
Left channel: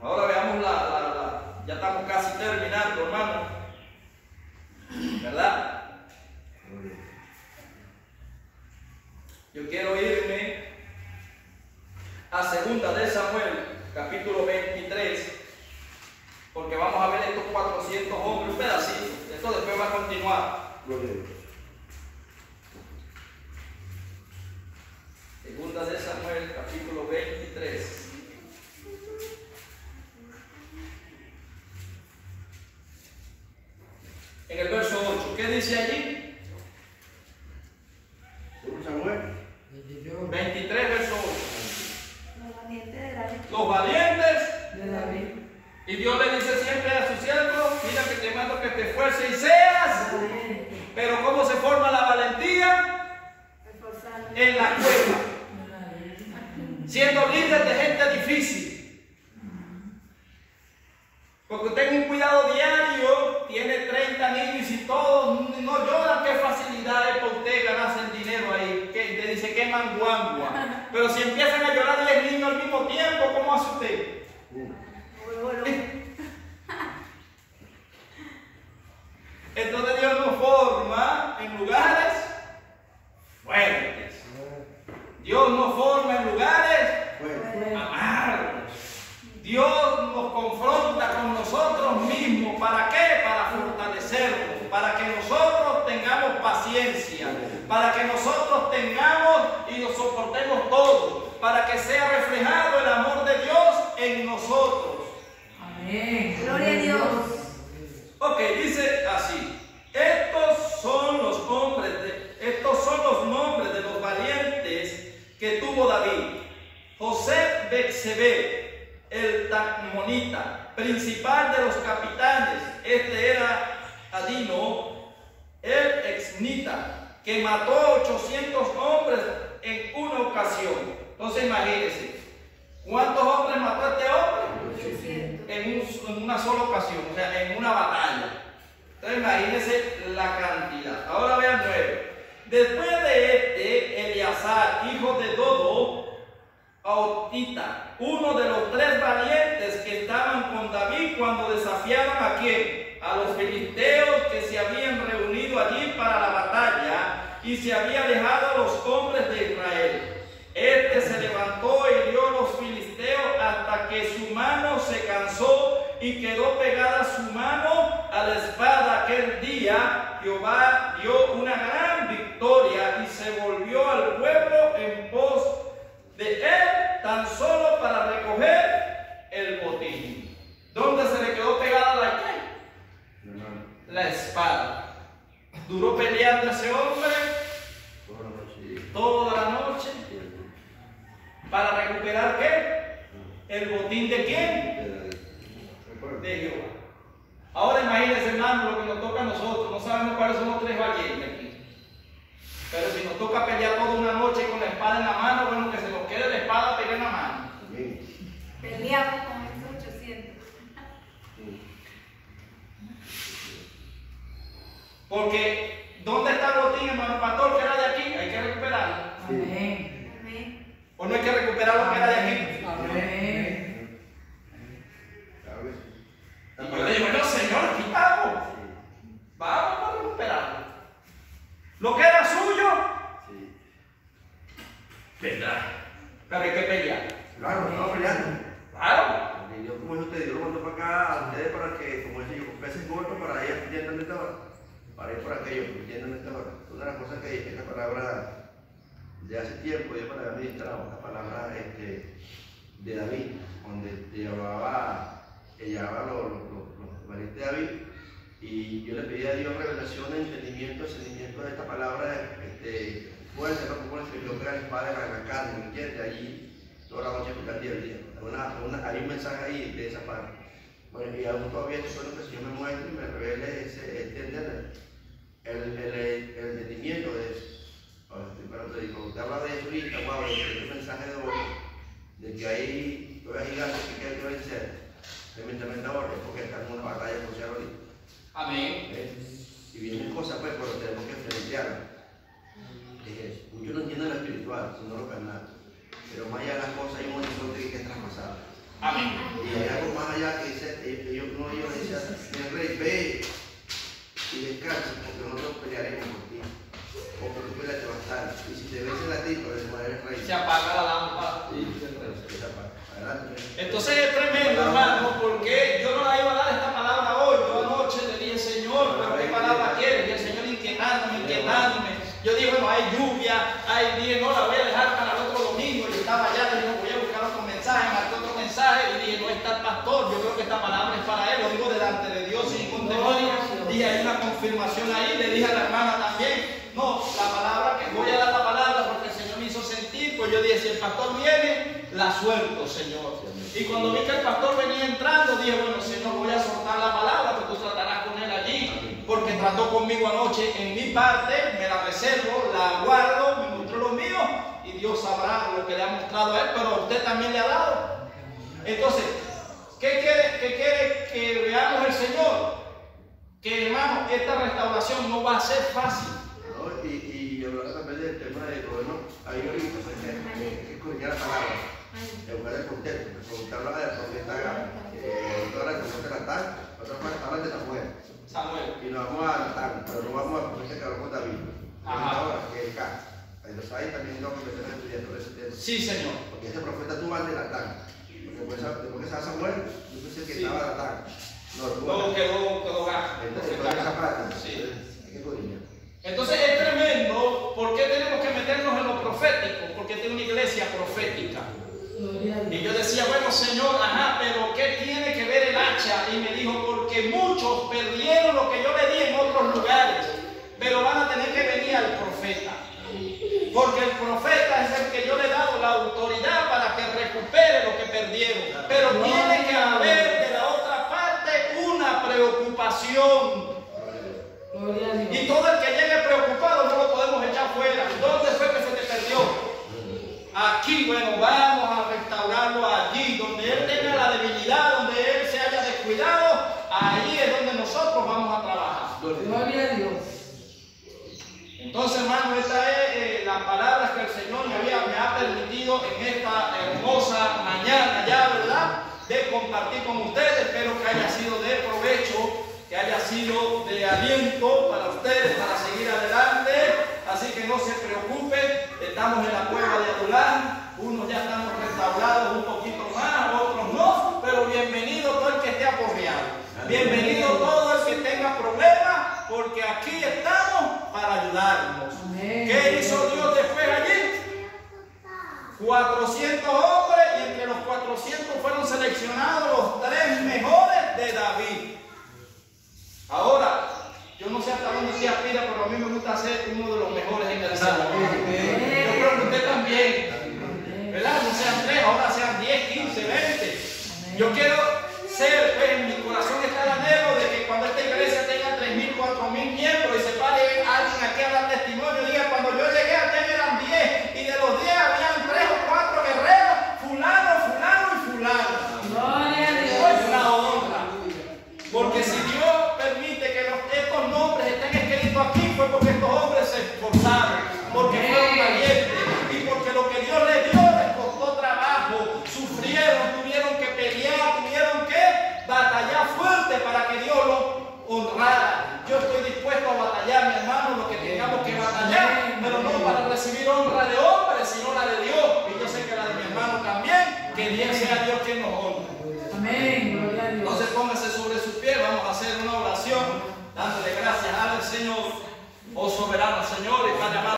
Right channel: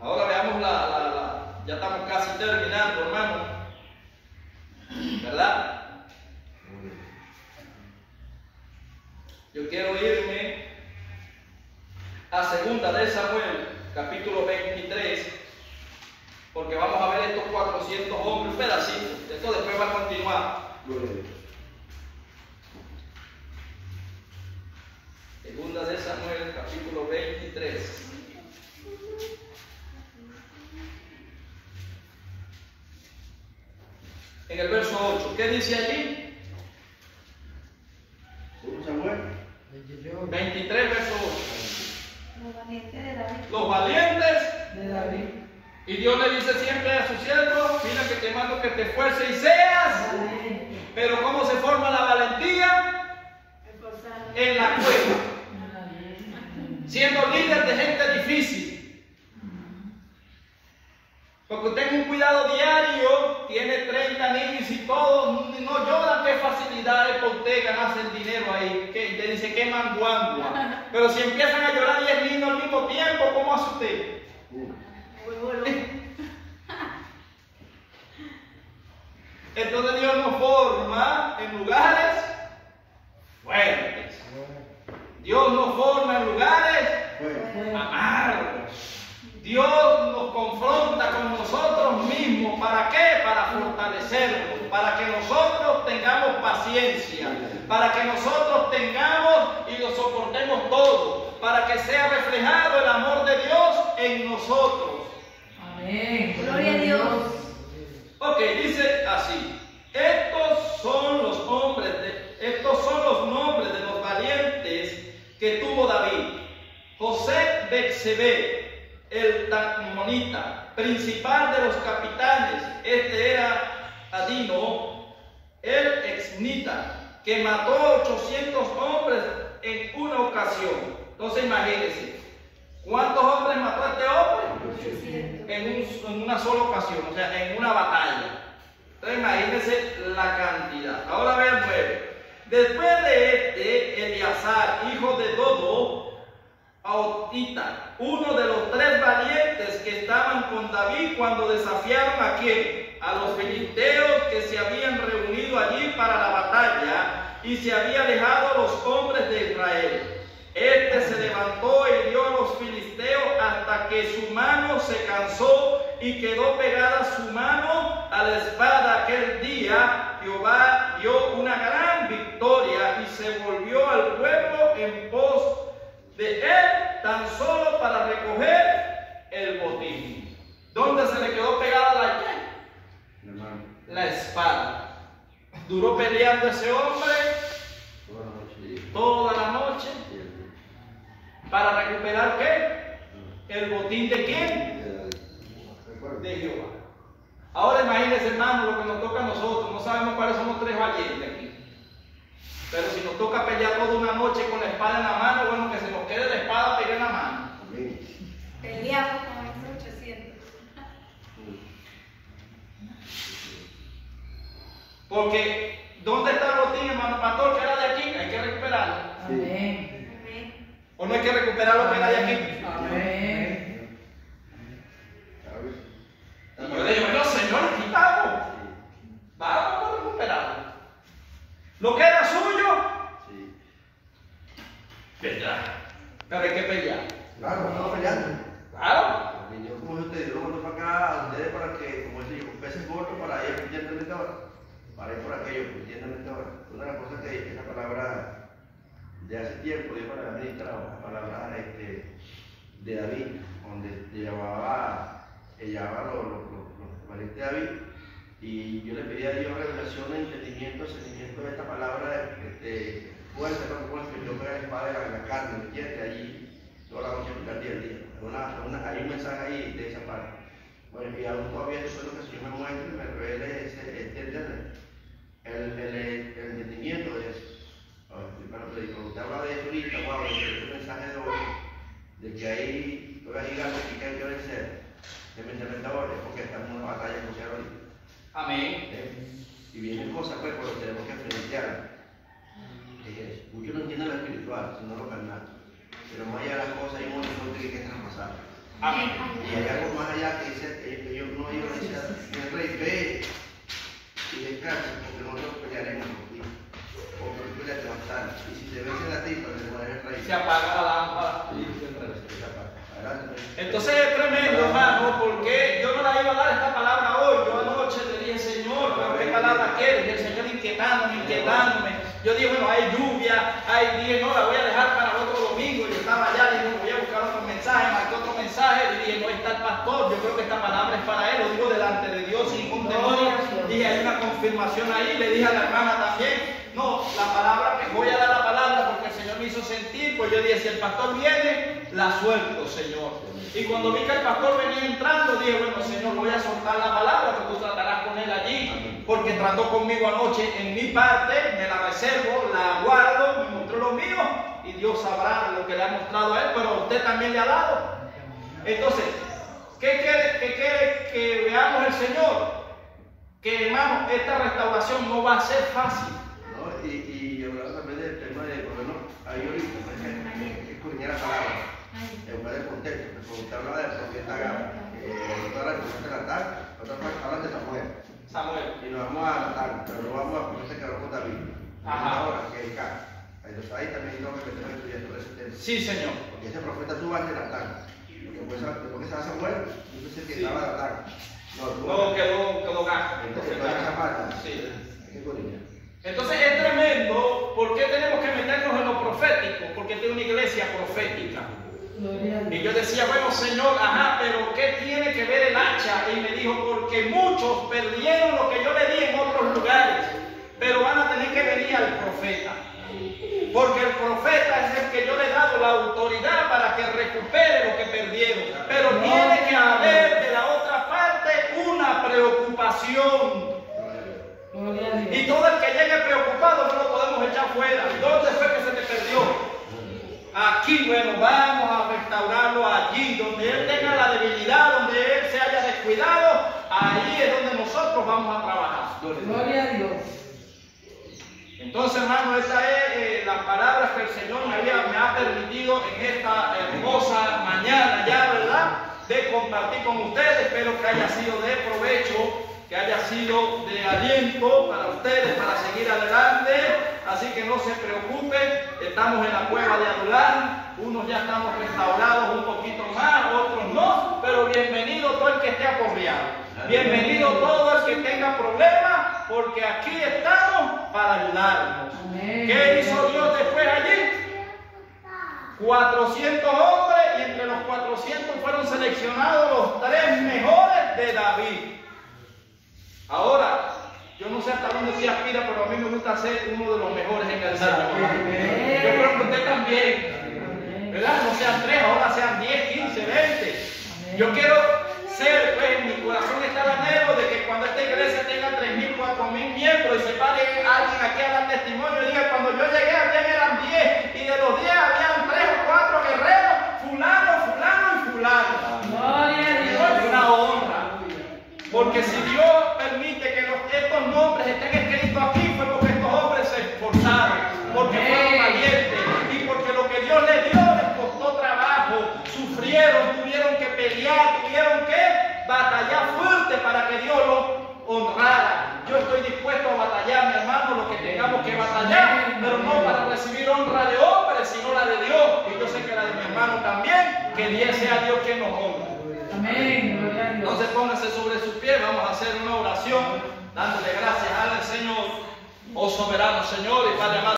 Ahora veamos ya estamos casi terminando, hermano. ¿Verdad? Yo quiero irme a 2 de Samuel, capítulo 23, porque vamos a ver estos 400 hombres, un pedacito. Esto después va a continuar. 2 de Samuel, capítulo 23. En el verso 8, ¿qué dice allí? Samuel 23, verso 8. Los valientes de David. Los valientes De David. Y Dios le dice siempre a sus siervos, mira que te mando que te esfuerces y seas. Pero ¿cómo se forma la valentía? En la cueva. Siendo líder de gente difícil. Porque tenga un cuidado diario, tiene 30 niños y todos no lloran, qué facilidad es por usted ganarse el dinero ahí. Que le dice que manguangua. Pero si empiezan a llorar 10 niños al mismo tiempo, ¿cómo hace usted? Entonces Dios nos forma en lugares fuertes. Dios nos forma en lugares amargos. Dios nos confronta con nosotros mismos. ¿Para qué? Para fortalecernos, para que nosotros tengamos paciencia, para que nosotros tengamos y lo soportemos todo, para que sea reflejado el amor de Dios en nosotros. Amén. Gloria a Dios. Ok, dice así: estos son los nombres de los valientes que tuvo David. José Bexebé, el Tacmonita, principal de los capitanes. Este era Adino, el exnita, que mató 800 hombres en una ocasión. Entonces imagínense, ¿cuántos hombres mató este hombre? En una sola ocasión, o sea, en una batalla. Entonces imagínense la cantidad. Ahora vean 9. Después de este, Eleazar, hijo de Dodo, Aotita, uno de los 3 valientes que estaban con David cuando desafiaron ¿a quién? A los filisteos que se habían reunido allí para la batalla y se había dejado a los hombres de Israel. Este se levantó y hirió a los filisteos hasta que su mano se cansó y quedó pegada su mano a la espada. Aquel día Jehová dio una gran victoria y se volvió al pueblo en pos de él tan solo para recoger el botín. ¿Dónde se le quedó pegada la qué? La espada. Duró peleando ese hombre toda la noche. ¿Para recuperar qué? ¿El botín de quién? De Jehová. Ahora imagínense, hermano, lo que nos toca a nosotros. No sabemos cuáles son los 3 valientes aquí. Pero si nos toca pelear toda una noche con la espada en la mano, bueno, que se nos quede la espada pegada en la mano. Peleamos con esos 800. Porque, ¿dónde está el botín, hermano pastor, que era de aquí? Hay que recuperarlo. Amén. ¿O no hay que recuperar lo que era de aquí? Amén. Y yo le digo, bueno, Señor, aquí vamos. Vamos a recuperarlo. Lo que era suyo, vendrá. Pero hay que pelear. Claro, estamos peleando. Claro. Porque yo, como usted, yo lo mando para acá a ustedes para que, como decía, con peces gordos para ir fluyendo en esta hora. Para ir por aquello, fluyendo en esta hora. Una de las cosas que esta palabra de hace tiempo, Dios me había ministrado, la palabra de David, donde llevaba los valientes de David. Y yo le pedí a Dios revelación, entendimiento, discernimiento de esta palabra, fuerza, que yo pega la espada en la carne, ¿me entiendes? Allí, toda la noche, picar día al día. Hay un mensaje ahí de esa parte. Bueno, y aún todavía yo solo que el Señor me muestre y me revele el entendimiento de eso. Cuando usted habla de eso ahorita, wow, el mensaje de hoy, de que hay gigantes que hay que vencer, especialmente ahora, es porque estamos en una batalla social ahorita. Amén. Y vienen cosas, pues, pero tenemos que enfrentarlas. Muchos no entienden lo espiritual, sino lo carnal. Pero más allá de las cosas, hay un horizonte que hay que traspasar. Amén. Y hay algo más allá que dice, ellos no iban a decir, el rey, ve y descansa, porque nosotros pelearemos por ti. O porque tú peleaste bastante. Y si te vencen a ti, pues se muere el rey. Se apaga la lámpara. Se apaga. Entonces es tremendo, hermano, porque yo no la iba a dar esta palabra hoy. Yo anoche le dije, Señor, ¿pero qué palabra quieres? Y el Señor inquietándome. Yo dije, bueno, hay lluvia, hay día, no, la voy a dejar para el otro domingo. Yo estaba allá, dije, voy a buscar otro mensaje, marqué otro mensaje, y dije, no está el pastor, yo creo que esta palabra es para él, lo digo delante de Dios sin ningún demonio. Dije, hay una confirmación ahí, le dije a la hermana también, no, la palabra, que voy a dar la palabra porque el Señor me hizo sentir, pues yo dije, si el pastor viene, la suelto, Señor. Y cuando vi que el pastor venía entrando, dije, bueno, Señor, voy a soltar la palabra, pero tú tratarás con él allí, porque trató conmigo anoche en mi parte, me la reservo, la guardo, me mostró lo mío, y Dios sabrá lo que le ha mostrado a él, pero a usted también le ha dado. Entonces, ¿qué quiere que veamos el Señor? Que, hermano, esta restauración no va a ser fácil. ¿No? Y hablando también del tema de, bueno, ahí ahorita, pues, es escudriñar la palabra, en lugar de contexto, porque hablaba del profeta ahora de Natán, nosotros hablan de Samuel. y nos vamos a Natán, pero no vamos a profeta que habló con David, ahora que es K. Entonces ahí también tengo que meter estudiando ese tema. Sí, Señor. Porque ese profeta tuvo antes de Natán, porque esa Samuel, yo pensé que estaba Natán. No, quedó gato. Entonces, esa parte, Sí. hay que corregir. Entonces es tremendo. ¿Por qué tenemos que meternos en lo profético? Porque tiene una iglesia profética. Y yo decía, bueno, Señor, pero ¿qué tiene que ver el hacha? Y me dijo, porque muchos perdieron lo que yo le di en otros lugares, pero van a tener que venir al profeta. Porque el profeta es el que yo le he dado la autoridad para que recupere lo que perdieron. Pero tiene que haber de la otra parte una preocupación. Y todo el que llegue preocupado no lo podemos echar fuera. ¿Dónde fue que se te perdió? Aquí, bueno, vamos a restaurarlo allí, donde él tenga la debilidad, donde él se haya descuidado, ahí es donde nosotros vamos a trabajar. Gloria a Dios. Entonces, hermano, esta es las palabras que el Señor me ha permitido en esta hermosa mañana ya, ¿verdad? De compartir con ustedes. Espero que haya sido de provecho, que haya sido de aliento para ustedes, para seguir adelante. Así que no se preocupen, estamos en la cueva de Adulán, unos ya estamos restaurados un poquito más, otros no, pero bienvenido todo el que esté aporreado, bienvenido todo el que tenga problemas, porque aquí estamos para ayudarnos. ¿Qué hizo Dios después allí? 400 hombres, y entre los 400 fueron seleccionados los 3 mejores de David. Ahora, yo no sé hasta dónde se aspira, pero a mí me gusta ser uno de los mejores en el Señor. Yo creo que usted también, ¿verdad? No sean 3, ahora sean 10, 15, 20. Yo quiero ser, en mi corazón está el anhelo de que cuando esta iglesia tenga 3.000, 4.000 miembros y se pare alguien aquí a dar testimonio, diga, cuando yo llegué aquí eran 10, y de los 10 habían 3 o 4 guerreros, fulano y fulano. Gloria a Dios. Es una honra. Porque si Dios permite que estos nombres estén escritos aquí, fue porque estos hombres se esforzaron, porque fueron valientes, y porque lo que Dios les dio les costó trabajo, sufrieron, tuvieron que pelear, tuvieron que batallar fuerte para que Dios los honrara. Yo estoy dispuesto a batallar, mi hermano, lo que tengamos que batallar, pero no para recibir honra de hombres, sino la de Dios, y yo sé que la de mi hermano también, que Dios sea Dios quien nos honra. Amén. Gloria a Dios. Entonces póngase sobre sus pies, vamos a hacer una oración dándole gracias al Señor, oh soberano Señor y Padre amado.